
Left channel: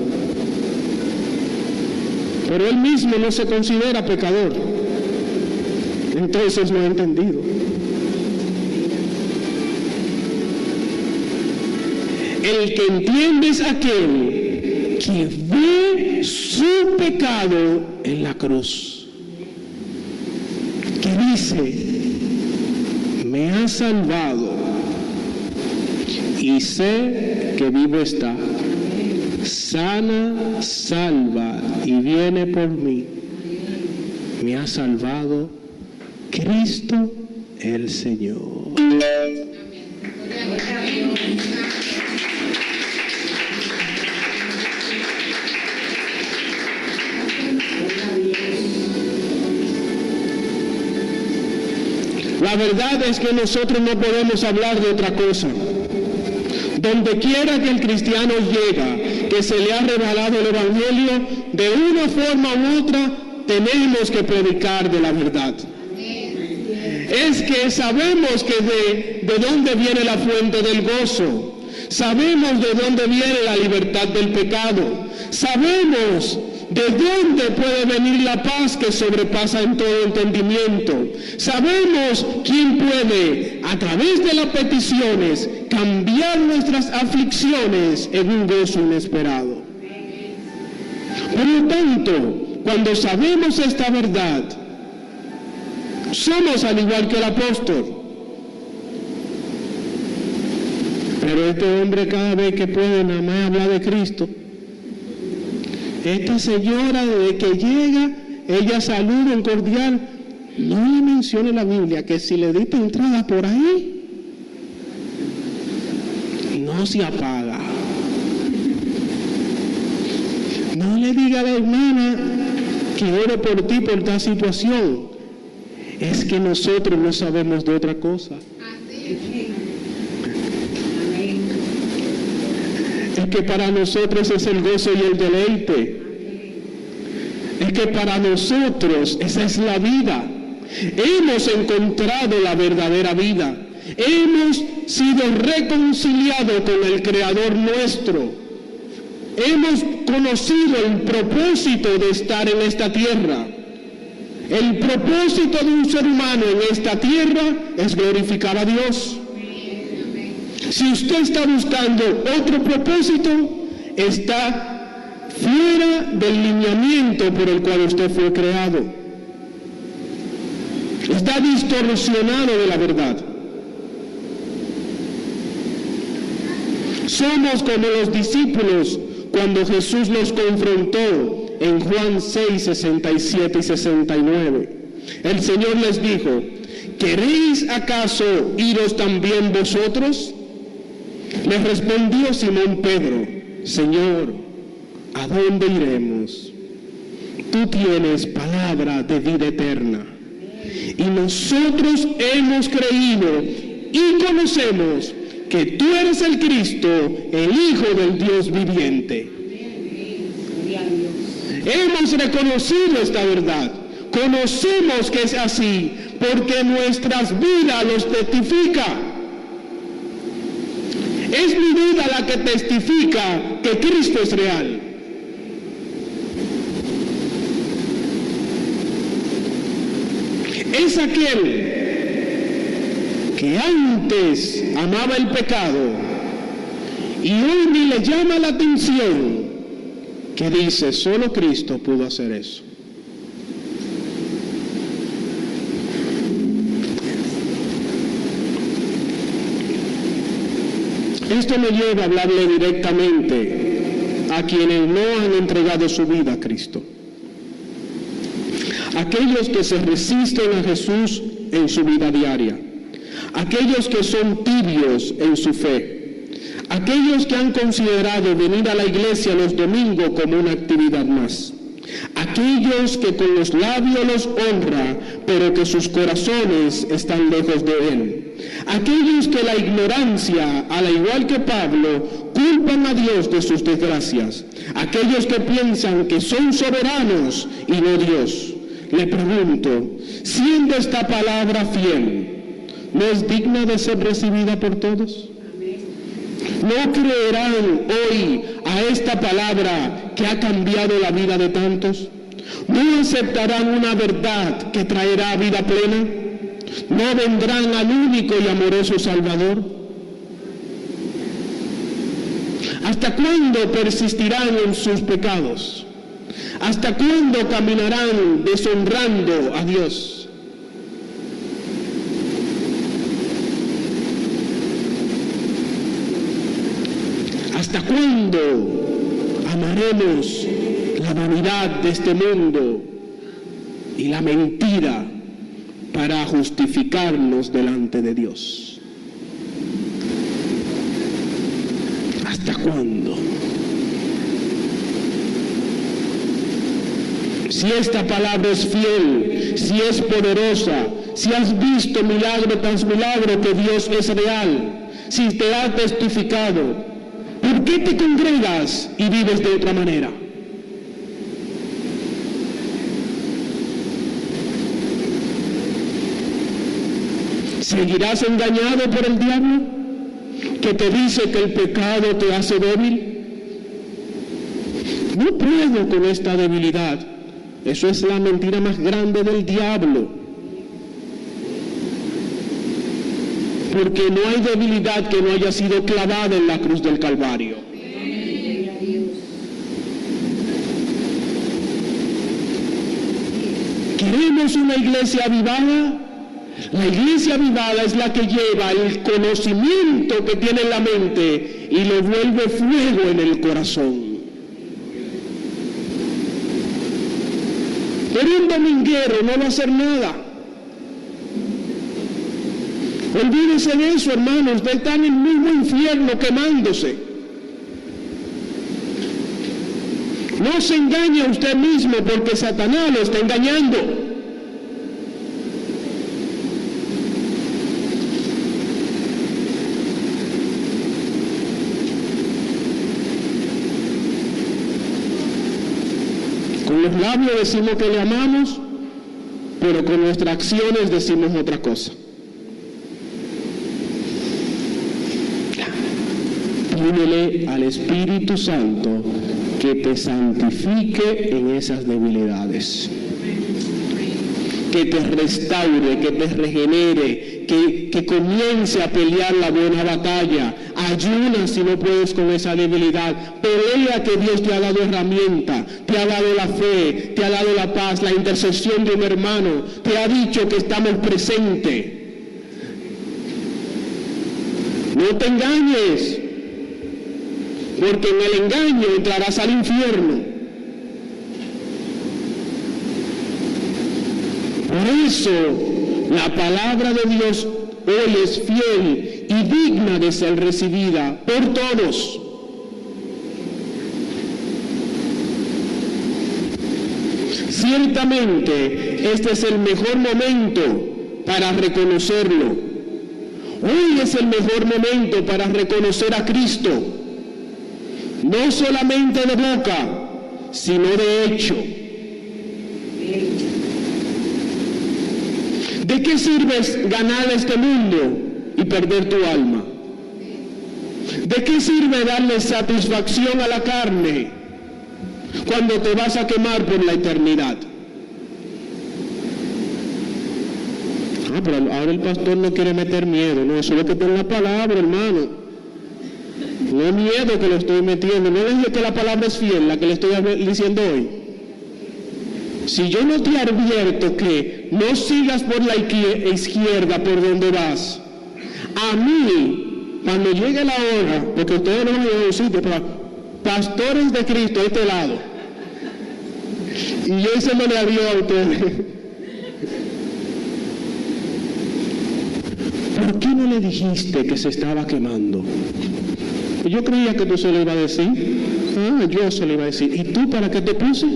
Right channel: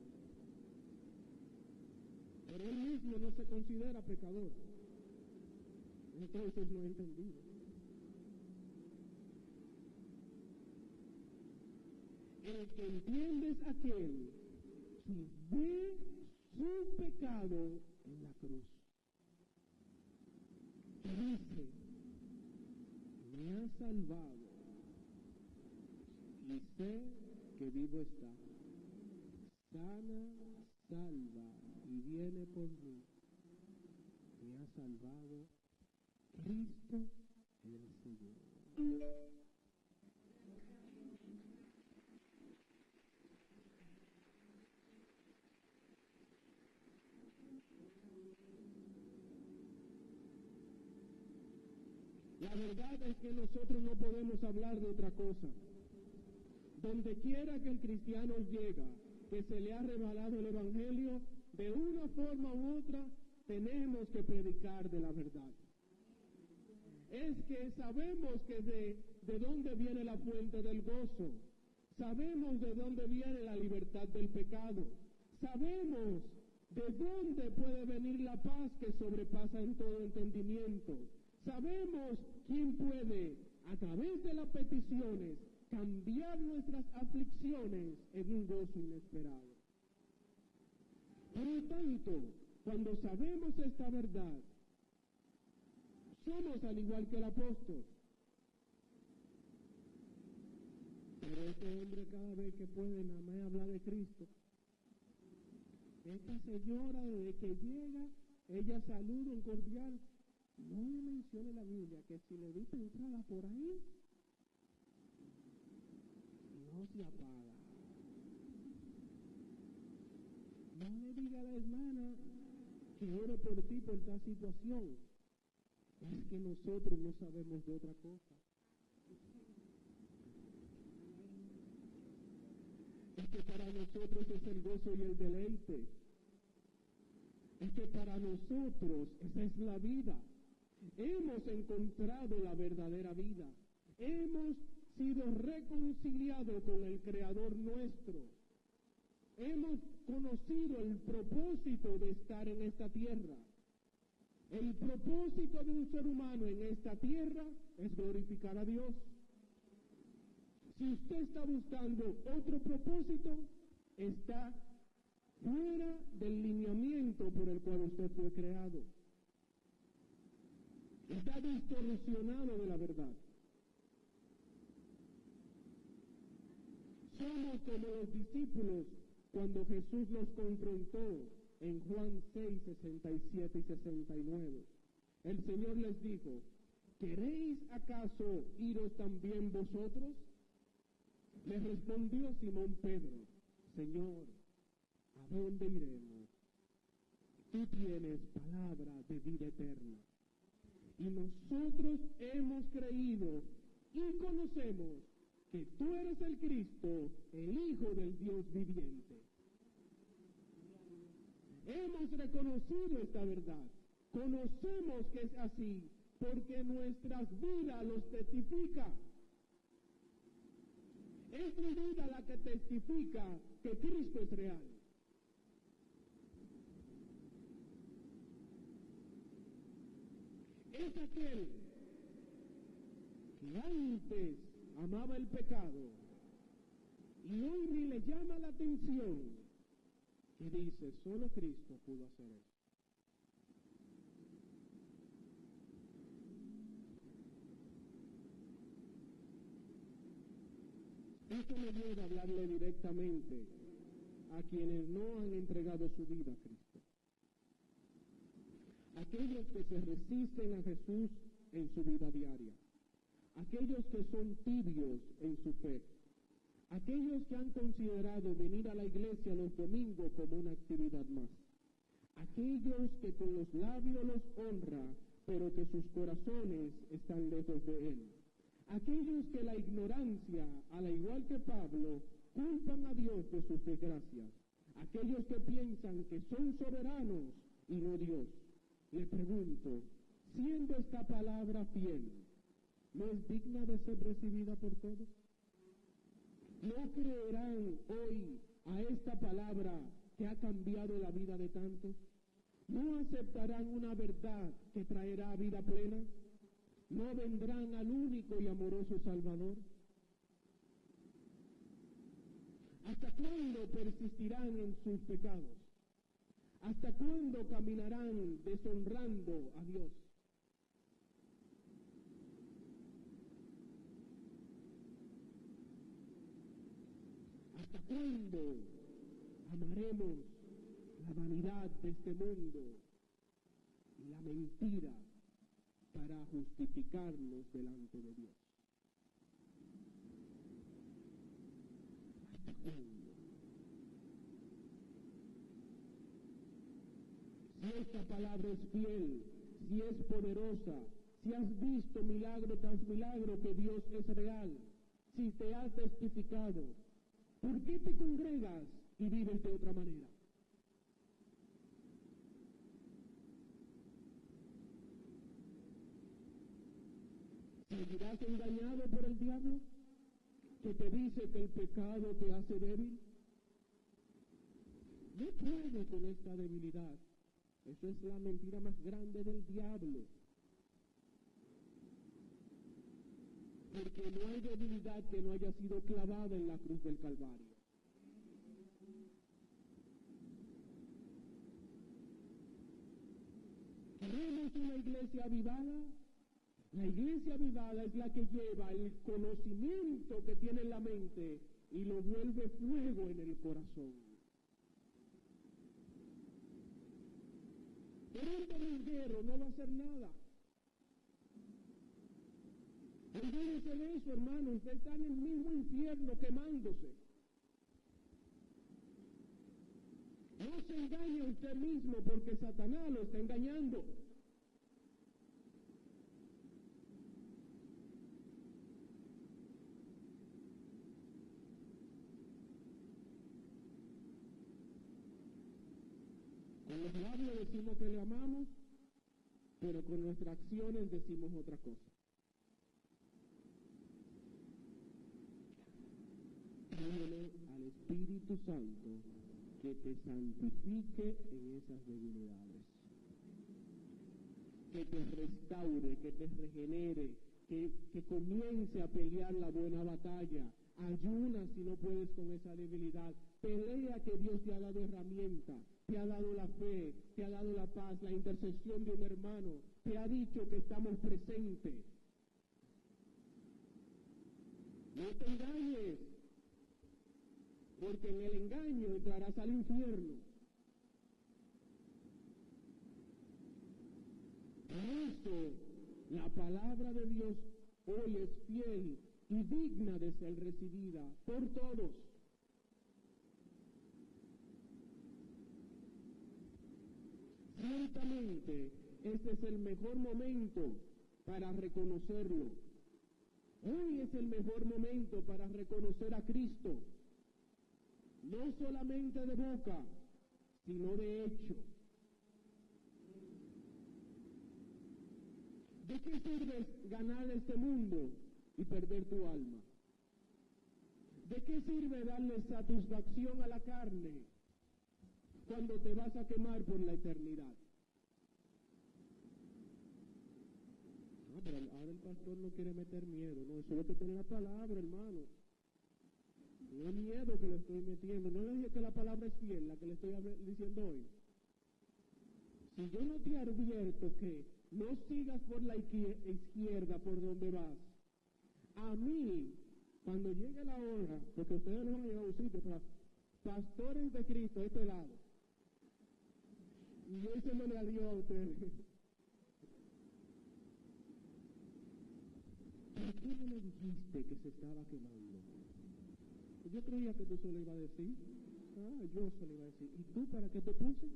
Pero Él mismo no se considera pecador. Entonces no he entendido. El que entiende es aquel que ve su pecado en la cruz. Que dice, me ha salvado y sé que vivo está, sana, salva y viene por mí. Me ha salvado Cristo el Señor. La verdad es que nosotros no podemos hablar de otra cosa. Donde quiera que el cristiano llega, que se le ha revelado el Evangelio, de una forma u otra, tenemos que predicar de la verdad. Es que sabemos que de dónde viene la fuente del gozo. Sabemos de dónde viene la libertad del pecado. Sabemos de dónde puede venir la paz que sobrepasa en todo entendimiento. Sabemos quién puede, a través de las peticiones, cambiar nuestras aflicciones en un gozo inesperado. Por lo tanto, cuando sabemos esta verdad, somos al igual que el apóstol. Pero este hombre cada vez que puede nada más hablar de Cristo. Esta señora desde que llega, ella saluda en cordial. No le menciona en la Biblia que si le diste entrada por ahí, no se apaga. No le diga a la hermana que oro por ti por esta situación. Es que nosotros no sabemos de otra cosa. Es que para nosotros es el gozo y el deleite. Es que para nosotros esa es la vida. Hemos encontrado la verdadera vida. Hemos sido reconciliados con el Creador nuestro. Hemos conocido el propósito de estar en esta tierra. El propósito de un ser humano en esta tierra es glorificar a Dios. Si usted está buscando otro propósito, está fuera del lineamiento por el cual usted fue creado. Está distorsionado de la verdad. Somos como los discípulos cuando Jesús los confrontó en Juan 6, 67 y 69. El Señor les dijo: ¿queréis acaso iros también vosotros? Les respondió Simón Pedro: Señor, ¿a dónde iremos? Tú tienes palabra de vida eterna, y nosotros hemos creído y conocemos que tú eres el Cristo, el Hijo del Dios viviente. Hemos reconocido esta verdad, conocemos que es así, porque nuestras vidas los testifica. Es mi vida la que testifica que Cristo es real. Es aquel que antes amaba el pecado y hoy ni le llama la atención, que dice: solo Cristo pudo hacer eso. Esto me lleva a hablarle directamente a quienes no han entregado su vida a Cristo. Aquellos que se resisten a Jesús en su vida diaria. Aquellos que son tibios en su fe. Aquellos que han considerado venir a la iglesia los domingos como una actividad más. Aquellos que con los labios los honra, pero que sus corazones están lejos de Él. Aquellos que la ignorancia, al igual que Pablo, culpan a Dios de sus desgracias. Aquellos que piensan que son soberanos y no Dios. Le pregunto, siendo esta palabra fiel, ¿no es digna de ser recibida por todos? ¿No creerán hoy a esta palabra que ha cambiado la vida de tantos? ¿No aceptarán una verdad que traerá vida plena? ¿No vendrán al único y amoroso Salvador? ¿Hasta cuándo persistirán en sus pecados? ¿Hasta cuándo caminarán deshonrando a Dios? ¿Hasta cuándo amaremos la vanidad de este mundo y la mentira para justificarnos delante de Dios? ¿Hasta cuándo? Si esta palabra es fiel, si es poderosa, si has visto milagro tras milagro que Dios es real, si te ha testificado, ¿por qué te congregas y vives de otra manera? ¿Seguirás engañado por el diablo, que te dice que el pecado te hace débil? No puedo con esta debilidad. Eso es la mentira más grande del diablo. Porque no hay debilidad que no haya sido clavada en la cruz del Calvario. ¿Queremos una iglesia avivada? La iglesia avivada es la que lleva el conocimiento que tiene en la mente y lo vuelve fuego en el corazón. Pero un dominguero no va a hacer nada. Olvídese de eso, hermano. Usted está en el mismo infierno quemándose. No se engañe a usted mismo, porque Satanás lo está engañando. Con los labios decimos que le amamos, pero con nuestras acciones decimos otra cosa. Pídele al Espíritu Santo que te santifique en esas debilidades, que te restaure, que te regenere, que comience a pelear la buena batalla. Ayuna si no puedes con esa debilidad. Pelea, que Dios te ha dado herramienta, te ha dado la fe, te ha dado la paz, la intercesión de un hermano, te ha dicho que estamos presentes. No te engañes, porque en el engaño entrarás al infierno. Por eso, la palabra de Dios hoy es fiel y digna de ser recibida por todos. Ciertamente, este es el mejor momento para reconocerlo. Hoy es el mejor momento para reconocer a Cristo, no solamente de boca, sino de hecho. ¿De qué sirve ganar este mundo y perder tu alma? ¿De qué sirve darle satisfacción a la carne cuando te vas a quemar por la eternidad? Pero ahora el pastor no quiere meter miedo. No, eso es lo que está en la palabra, hermano. No es miedo que lo estoy metiendo. No es que la palabra es fiel, la que le estoy diciendo hoy. Si yo no te advierto que no sigas por la izquierda por donde vas, a mí, cuando llegue la hora, porque ustedes no van a decir, pero pastores de Cristo, este lado, y yo se me le abrió a ustedes. ¿Por qué no le dijiste que se estaba quemando? Yo creía que tú se lo ibas a decir. Yo se lo iba a decir. ¿Y tú para qué te puse?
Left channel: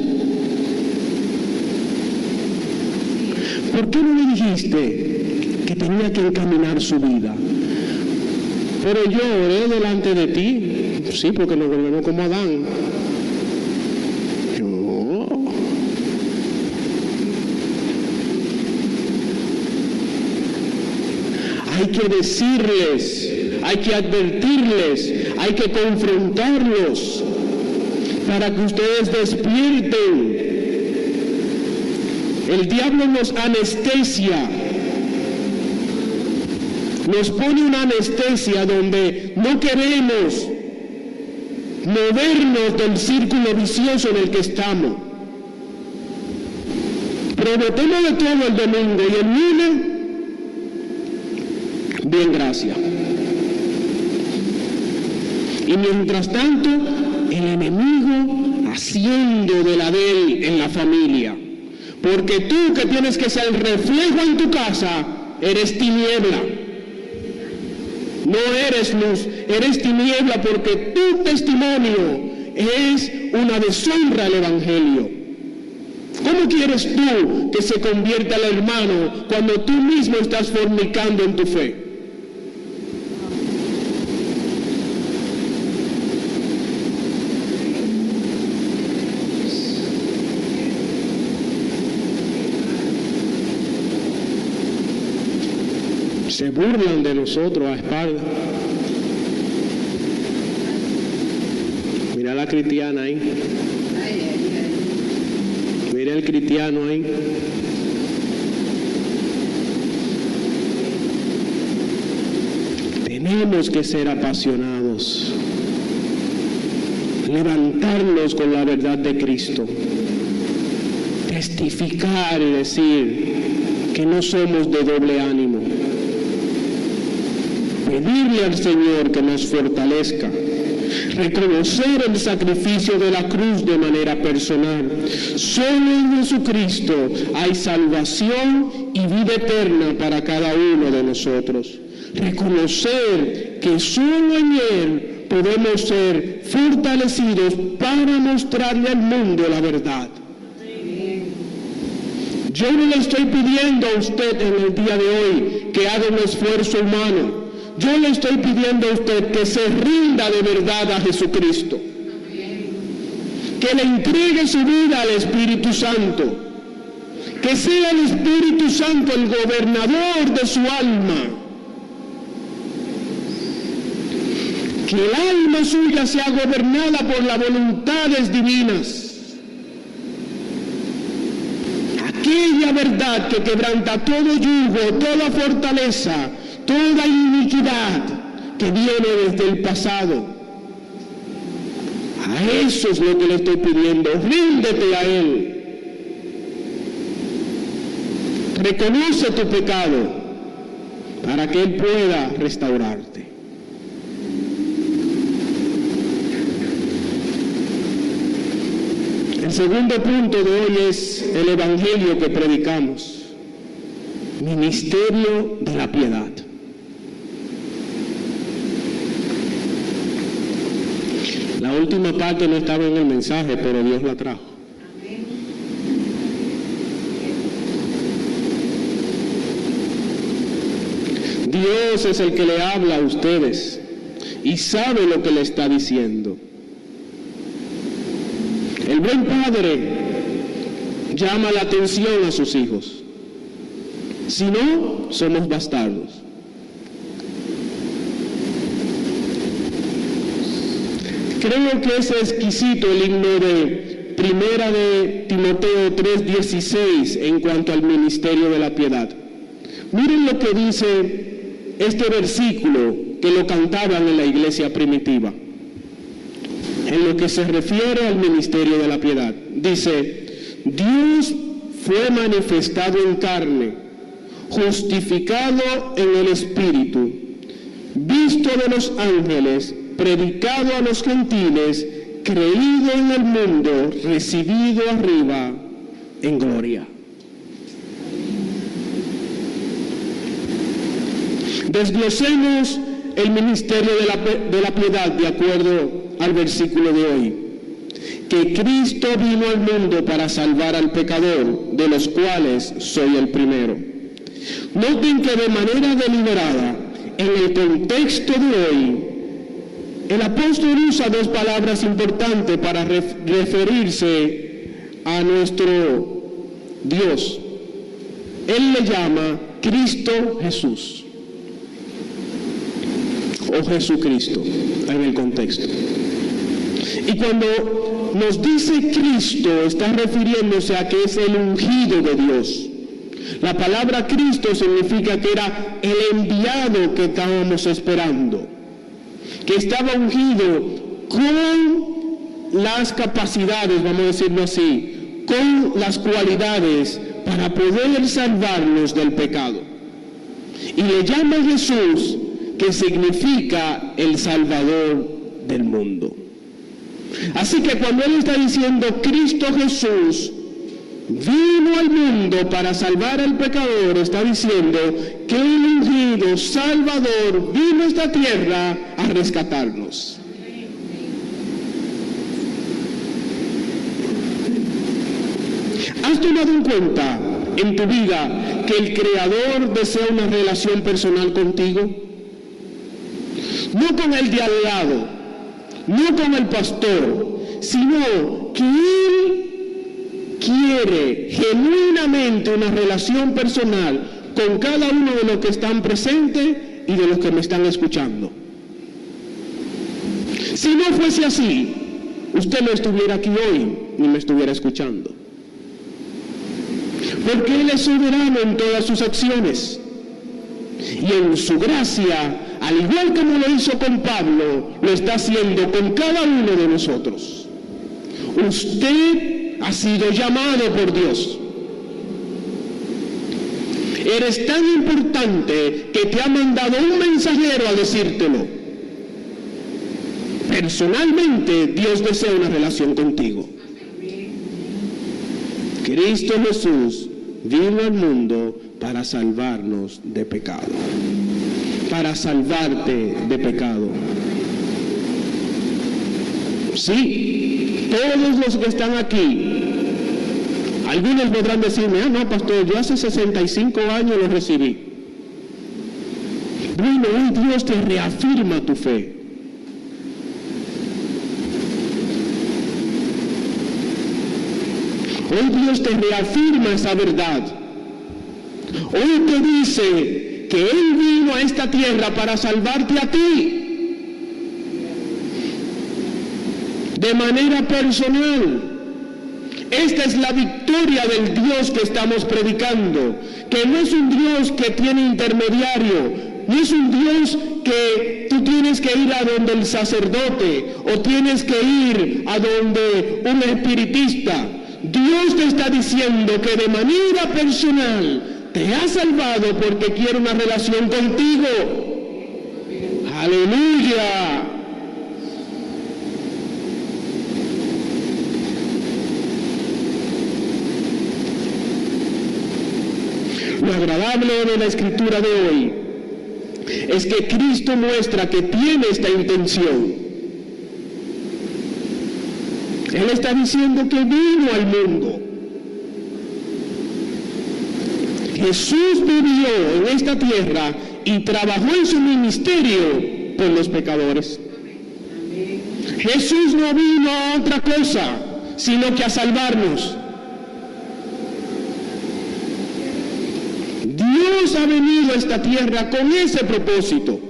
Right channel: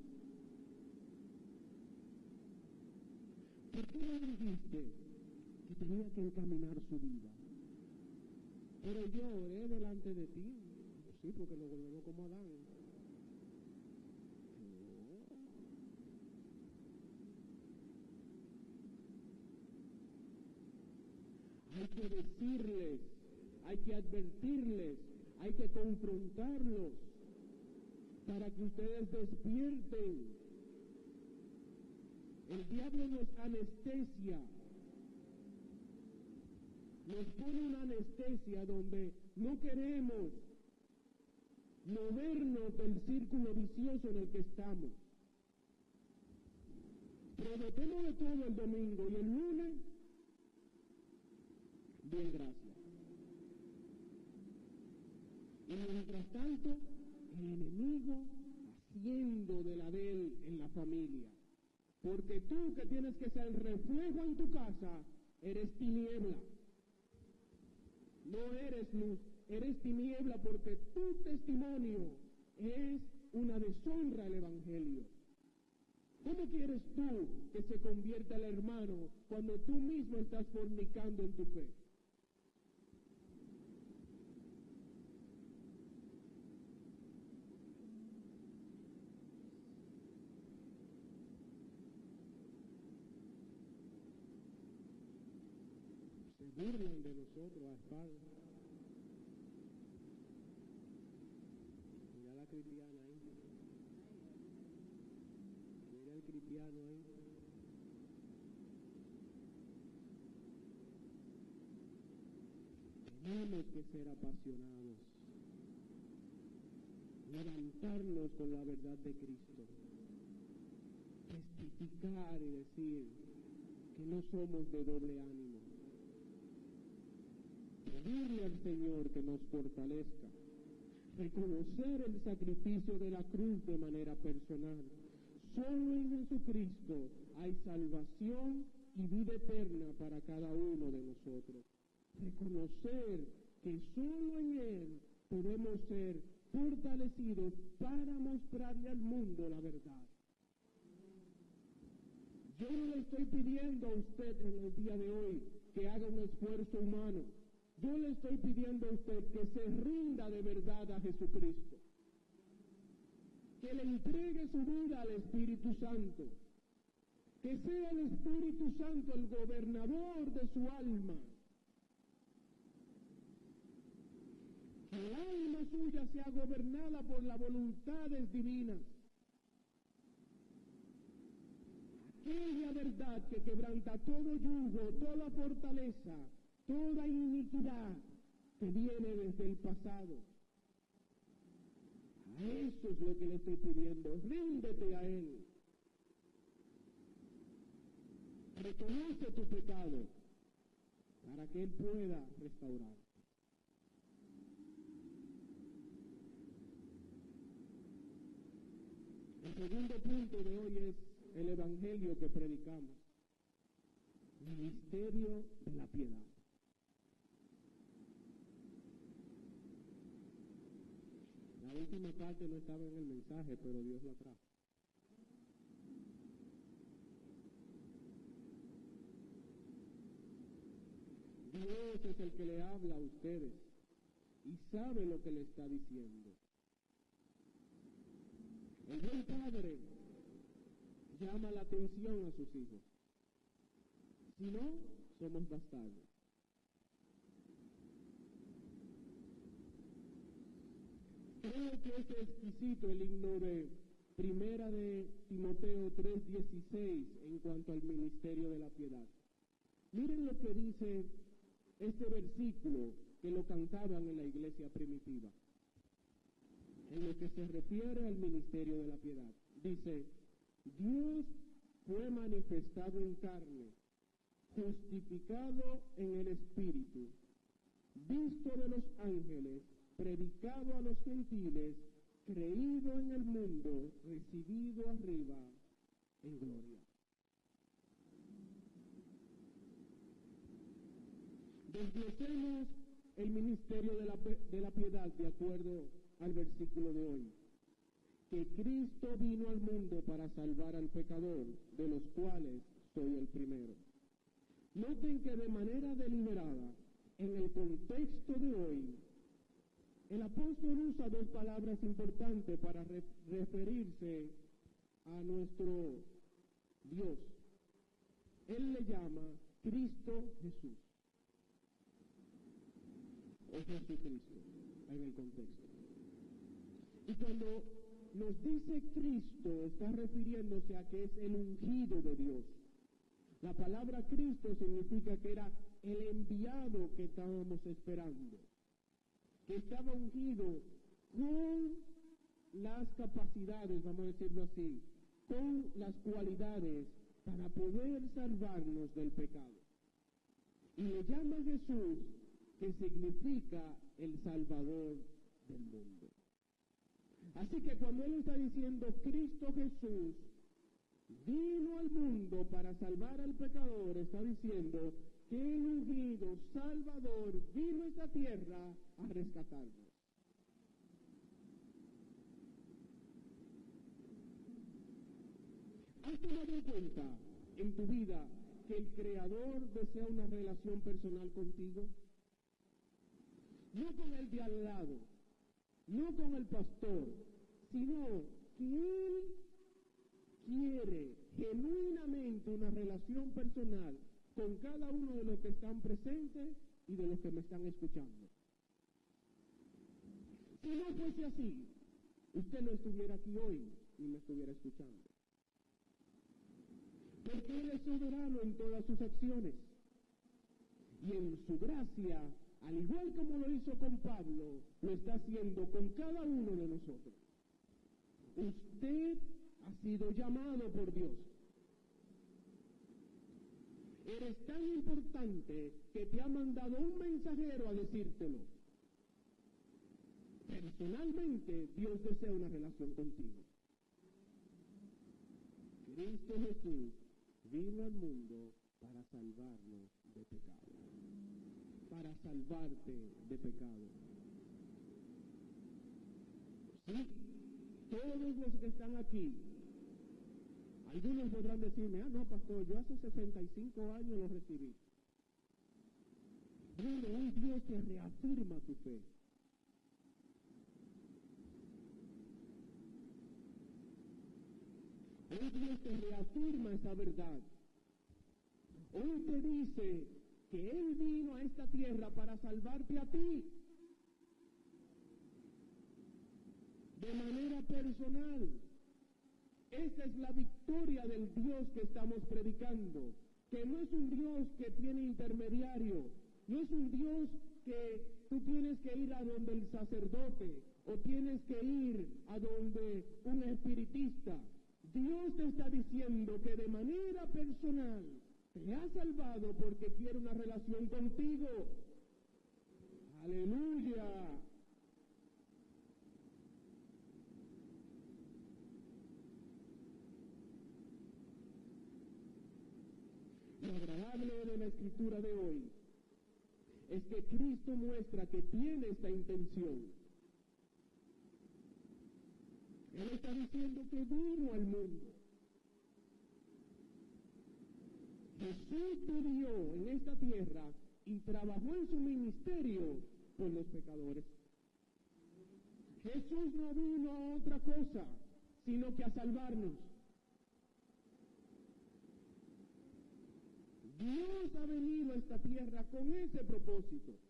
¿Por qué no le dijiste que tenía que encaminar su vida? Pero yo oré delante de ti. Sí, porque nos volvemos como Adán. Hay que decirles, hay que advertirles, hay que confrontarlos para que ustedes despierten. El diablo nos anestesia, nos pone una anestesia donde no queremos movernos del círculo vicioso en el que estamos. Prometemos de todo el domingo y el lunes, bien, gracias. Y mientras tanto, el enemigo haciendo de la de él en la familia. Porque tú, que tienes que ser reflejo en tu casa, eres tiniebla. No eres luz, eres tiniebla, porque tu testimonio es una deshonra al Evangelio. ¿Cómo quieres tú que se convierta el hermano cuando tú mismo estás fornicando en tu fe? Se burlan de nosotros a espaldas. Mira la cristiana ahí. Mira el cristiano ahí. Tenemos que ser apasionados. Levantarnos con la verdad de Cristo. Testificar y decir que no somos de doble ánimo. Pedirle al Señor que nos fortalezca, reconocer el sacrificio de la cruz de manera personal. Solo en Jesucristo hay salvación y vida eterna para cada uno de nosotros. Reconocer que solo en Él podemos ser fortalecidos para mostrarle al mundo la verdad. Yo no le estoy pidiendo a usted en el día de hoy que haga un esfuerzo humano. Yo le estoy pidiendo a usted que se rinda de verdad a Jesucristo. que le entregue su vida al Espíritu Santo, que sea el Espíritu Santo el gobernador de su alma, que el alma suya sea gobernada por las voluntades divinas, aquella verdad que quebranta todo yugo, toda fortaleza, toda iniquidad que viene desde el pasado. A eso es lo que le estoy pidiendo. Ríndete a Él. Reconoce tu pecado para que Él pueda restaurarte. El segundo punto de hoy es el evangelio que predicamos. Ministerio de la piedad. La última parte no estaba en el mensaje, pero Dios la trajo. Dios es el que le habla a ustedes y sabe lo que le está diciendo. El buen padre llama la atención a sus hijos. Si no, somos bastardos. Creo que es exquisito el himno de Primera de Timoteo 3:16 en cuanto al ministerio de la piedad. Miren lo que dice este versículo que lo cantaban en la iglesia primitiva, en lo que se refiere al ministerio de la piedad. Dice: Dios fue manifestado en carne, justificado en el Espíritu, visto de los ángeles, predicado a los gentiles, creído en el mundo, recibido arriba en gloria. Desglosemos el ministerio de la piedad de acuerdo al versículo de hoy. Que Cristo vino al mundo para salvar al pecador, de los cuales soy el primero. Noten que de manera deliberada, en el contexto de hoy, el apóstol usa dos palabras importantes para referirse a nuestro Dios. Él le llama Cristo Jesús, o Jesucristo, en el contexto. Y cuando nos dice Cristo, está refiriéndose a que es el ungido de Dios. La palabra Cristo significa que era el enviado que estábamos esperando, que estaba ungido con las capacidades, vamos a decirlo así, con las cualidades para poder salvarnos del pecado. Y le llama Jesús, que significa el Salvador del mundo. Así que cuando Él está diciendo Cristo Jesús vino al mundo para salvar al pecador, está diciendo que el ungido Salvador vino a esta tierra a rescatarnos. ¿Has tomado en cuenta en tu vida que el Creador desea una relación personal contigo? No con el de al lado, no con el pastor, sino que Él quiere genuinamente una relación personal con cada uno de los que están presentes y de los que me están escuchando. Si no fuese así, usted no estuviera aquí hoy ni me estuviera escuchando. Porque Él es soberano en todas sus acciones. Y en su gracia, al igual como lo hizo con Pablo, lo está haciendo con cada uno de nosotros. Usted ha sido llamado por Dios. Eres tan importante que te ha mandado un mensajero a decírtelo. Personalmente, Dios desea una relación contigo. Cristo Jesús vino al mundo para salvarnos de pecado, para salvarte de pecado. Sí, todos los que están aquí, algunos podrán decirme, no pastor, yo hace 65 años lo recibí. Bueno, hoy Dios te reafirma tu fe. Hoy Dios te reafirma esa verdad. Hoy te dice que Él vino a esta tierra para salvarte a ti. De manera personal. Esta es la victoria del Dios que estamos predicando, que no es un Dios que tiene intermediario, no es un Dios que tú tienes que ir a donde el sacerdote o tienes que ir a donde un espiritista. Dios te está diciendo que de manera personal te ha salvado porque quiere una relación contigo. ¡Aleluya! Lo agradable de la escritura de hoy es que Cristo muestra que tiene esta intención. Él está diciendo que vino al mundo. Jesús vivió en esta tierra y trabajó en su ministerio por los pecadores. Jesús no vino a otra cosa, sino que a salvarnos. Dios ha venido a esta tierra con ese propósito.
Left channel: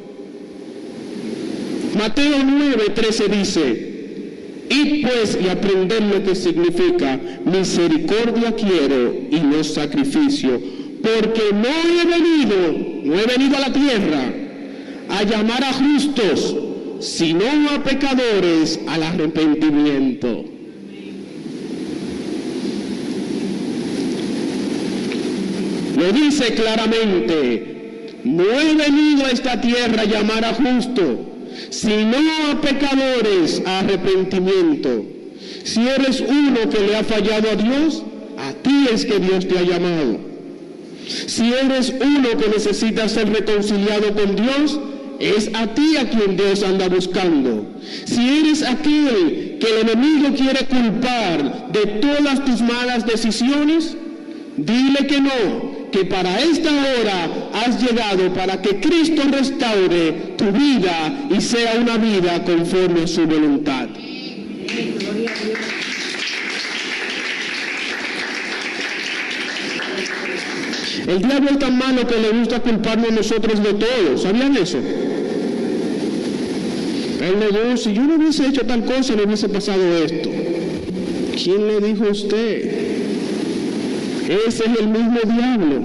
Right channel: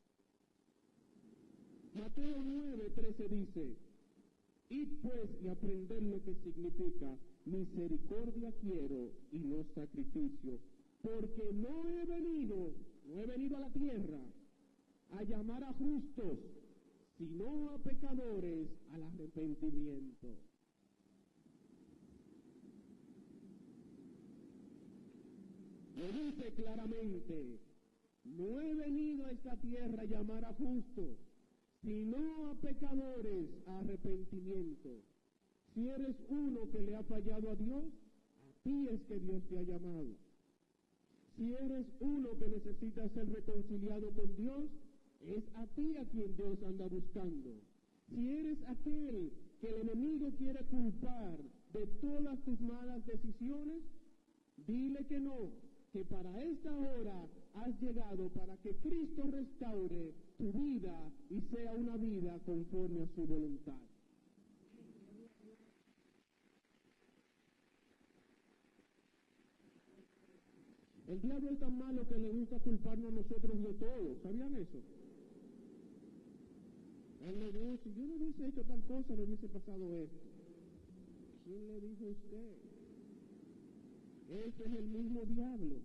Mateo 9:13 dice: id pues y aprended lo que significa misericordia quiero y no sacrificio, porque no he venido a la tierra a llamar a justos, sino a pecadores al arrepentimiento. Lo dice claramente: no he venido a esta tierra a llamar a justos, sino a pecadores a arrepentimiento. Si eres uno que le ha fallado a Dios, a ti es que Dios te ha llamado. Si eres uno que necesita ser reconciliado con Dios, es a ti a quien Dios anda buscando. Si eres aquel que el enemigo quiere culpar de todas tus malas decisiones, dile que no, que para esta hora has llegado para que Cristo restaure tu vida y sea una vida conforme a su voluntad. El diablo es tan malo que le gusta culparnos a nosotros de todo. ¿Sabían eso? Él le dijo: si yo no hubiese hecho tal cosa, no hubiese pasado esto. ¿Quién le dijo a usted? Ese es el mismo diablo.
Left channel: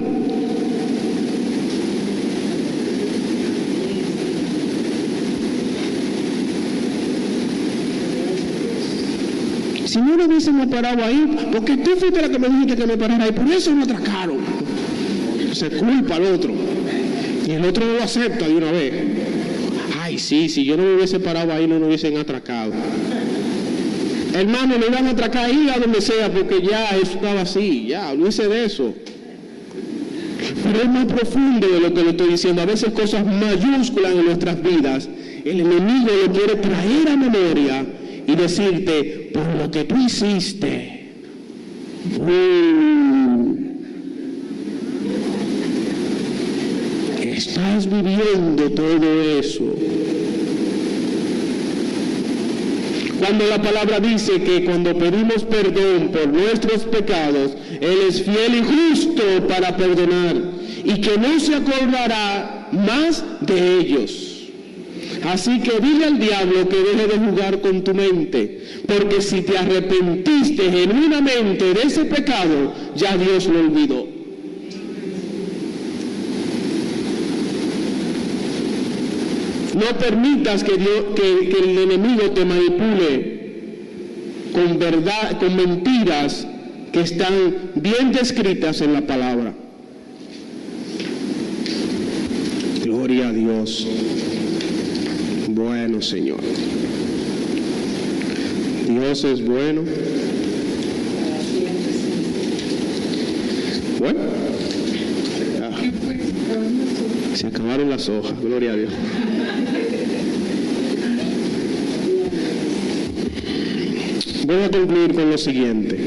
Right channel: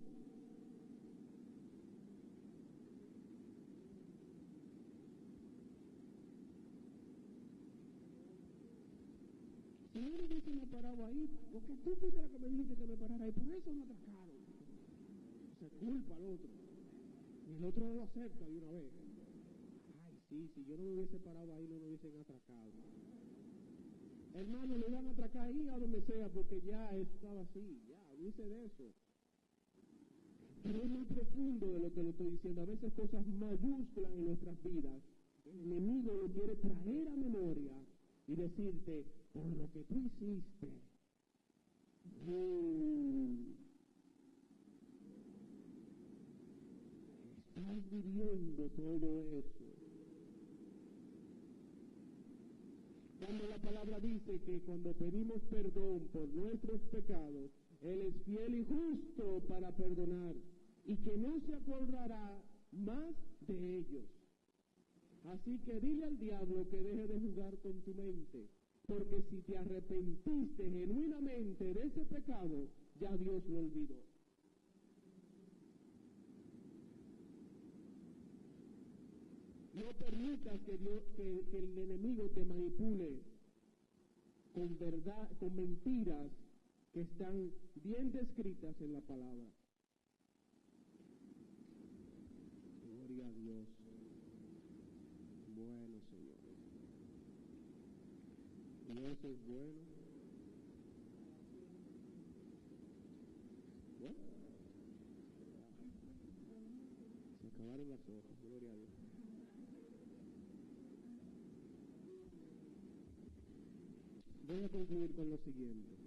Si no lo hubiésemos parado ahí, porque tú fuiste la que me dijiste que me parara ahí, por eso me atracaron. Se culpa al otro. Y el otro no lo acepta de una vez. Ay, sí, si yo no me hubiese parado ahí, no me hubiesen atracado. Hermano, me van a atracar ahí a donde sea, porque ya eso estaba así, ya, olvídese de eso. Pero es más profundo de lo que le estoy diciendo. A veces cosas mayúsculas en nuestras vidas, el enemigo lo quiere traer a memoria y decirte: por lo que tú hiciste, estás viviendo todo eso. Cuando la palabra dice que cuando pedimos perdón por nuestros pecados, Él es fiel y justo para perdonar y que no se acordará más de ellos. Así que dile al diablo que deje de jugar con tu mente, porque si te arrepentiste genuinamente de ese pecado, ya Dios lo olvidó. No permitas que el enemigo te manipule con verdad, con mentiras que están bien descritas en la palabra. Gloria a Dios. Bueno, Señor. Dios es bueno. Bueno. Se acabaron las hojas. Gloria a Dios. Voy a concluir con lo siguiente.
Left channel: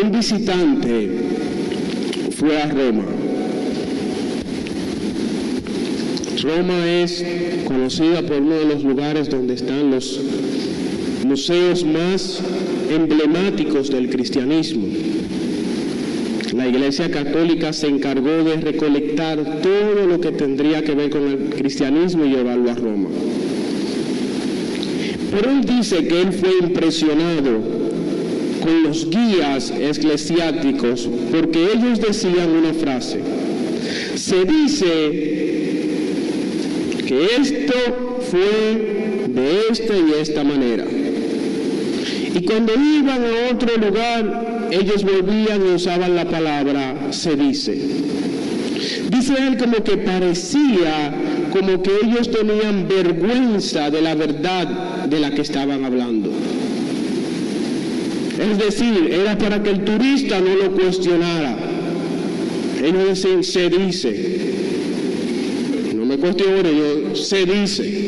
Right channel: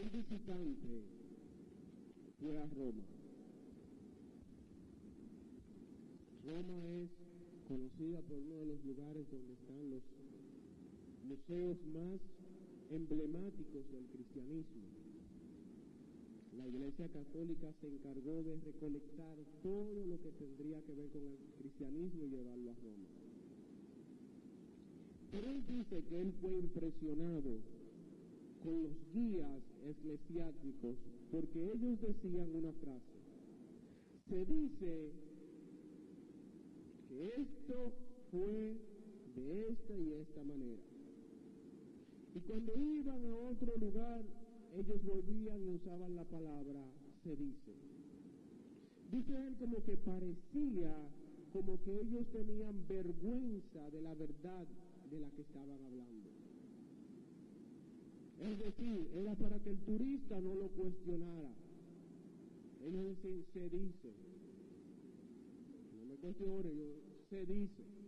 Un visitante fue a Roma Roma es conocida por uno de los lugares donde están los museos más emblemáticos del cristianismo. La Iglesia Católica se encargó de recolectar todo lo que tendría que ver con el cristianismo y llevarlo a Roma. Pero él dice que él fue impresionado con los guías eclesiásticos porque ellos decían una frase: se dice que esto fue de esta y esta manera. Y cuando iban a otro lugar, ellos volvían y usaban la palabra se dice. Dice él como que parecía como que ellos tenían vergüenza de la verdad de la que estaban hablando. Es decir, era para que el turista no lo cuestionara. Ellos decían se dice. No me cuestione, se dice.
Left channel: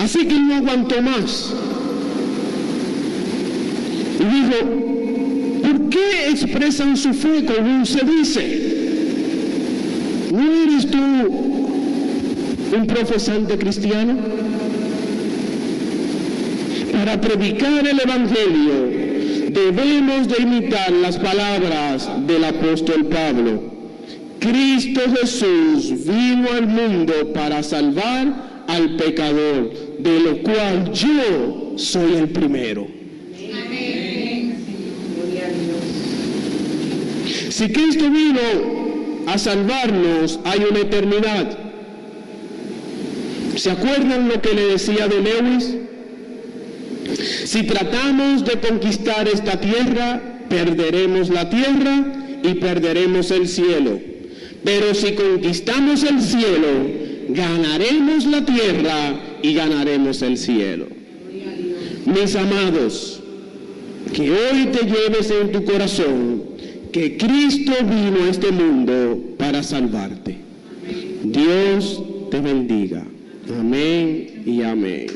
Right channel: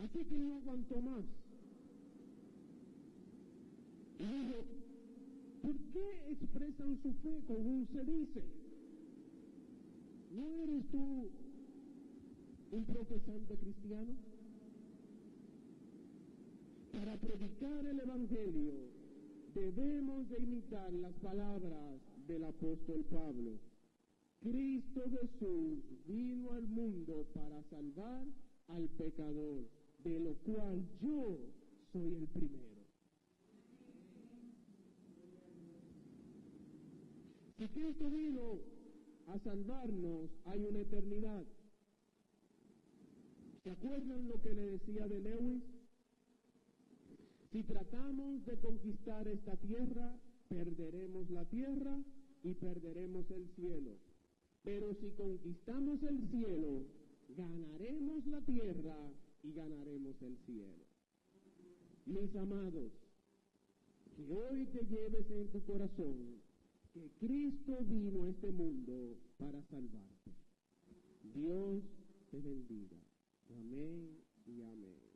Así que él no aguantó más. Y dijo, ¿por qué expresan su fe con un se dice? ¿No eres tú un profesante cristiano? Para predicar el Evangelio debemos de imitar las palabras del apóstol Pablo. Cristo Jesús vino al mundo para salvar al pecador, de lo cual yo soy el primero. Amén. Si Cristo vino a salvarnos, hay una eternidad. ¿Se acuerdan lo que le decía de Lewis? Si tratamos de conquistar esta tierra, perderemos la tierra y perderemos el cielo. Pero si conquistamos el cielo, ganaremos la tierra y ganaremos el cielo. Mis amados, que hoy te lleves en tu corazón que Cristo vino a este mundo para salvarte. Dios te bendiga. Amén y amén.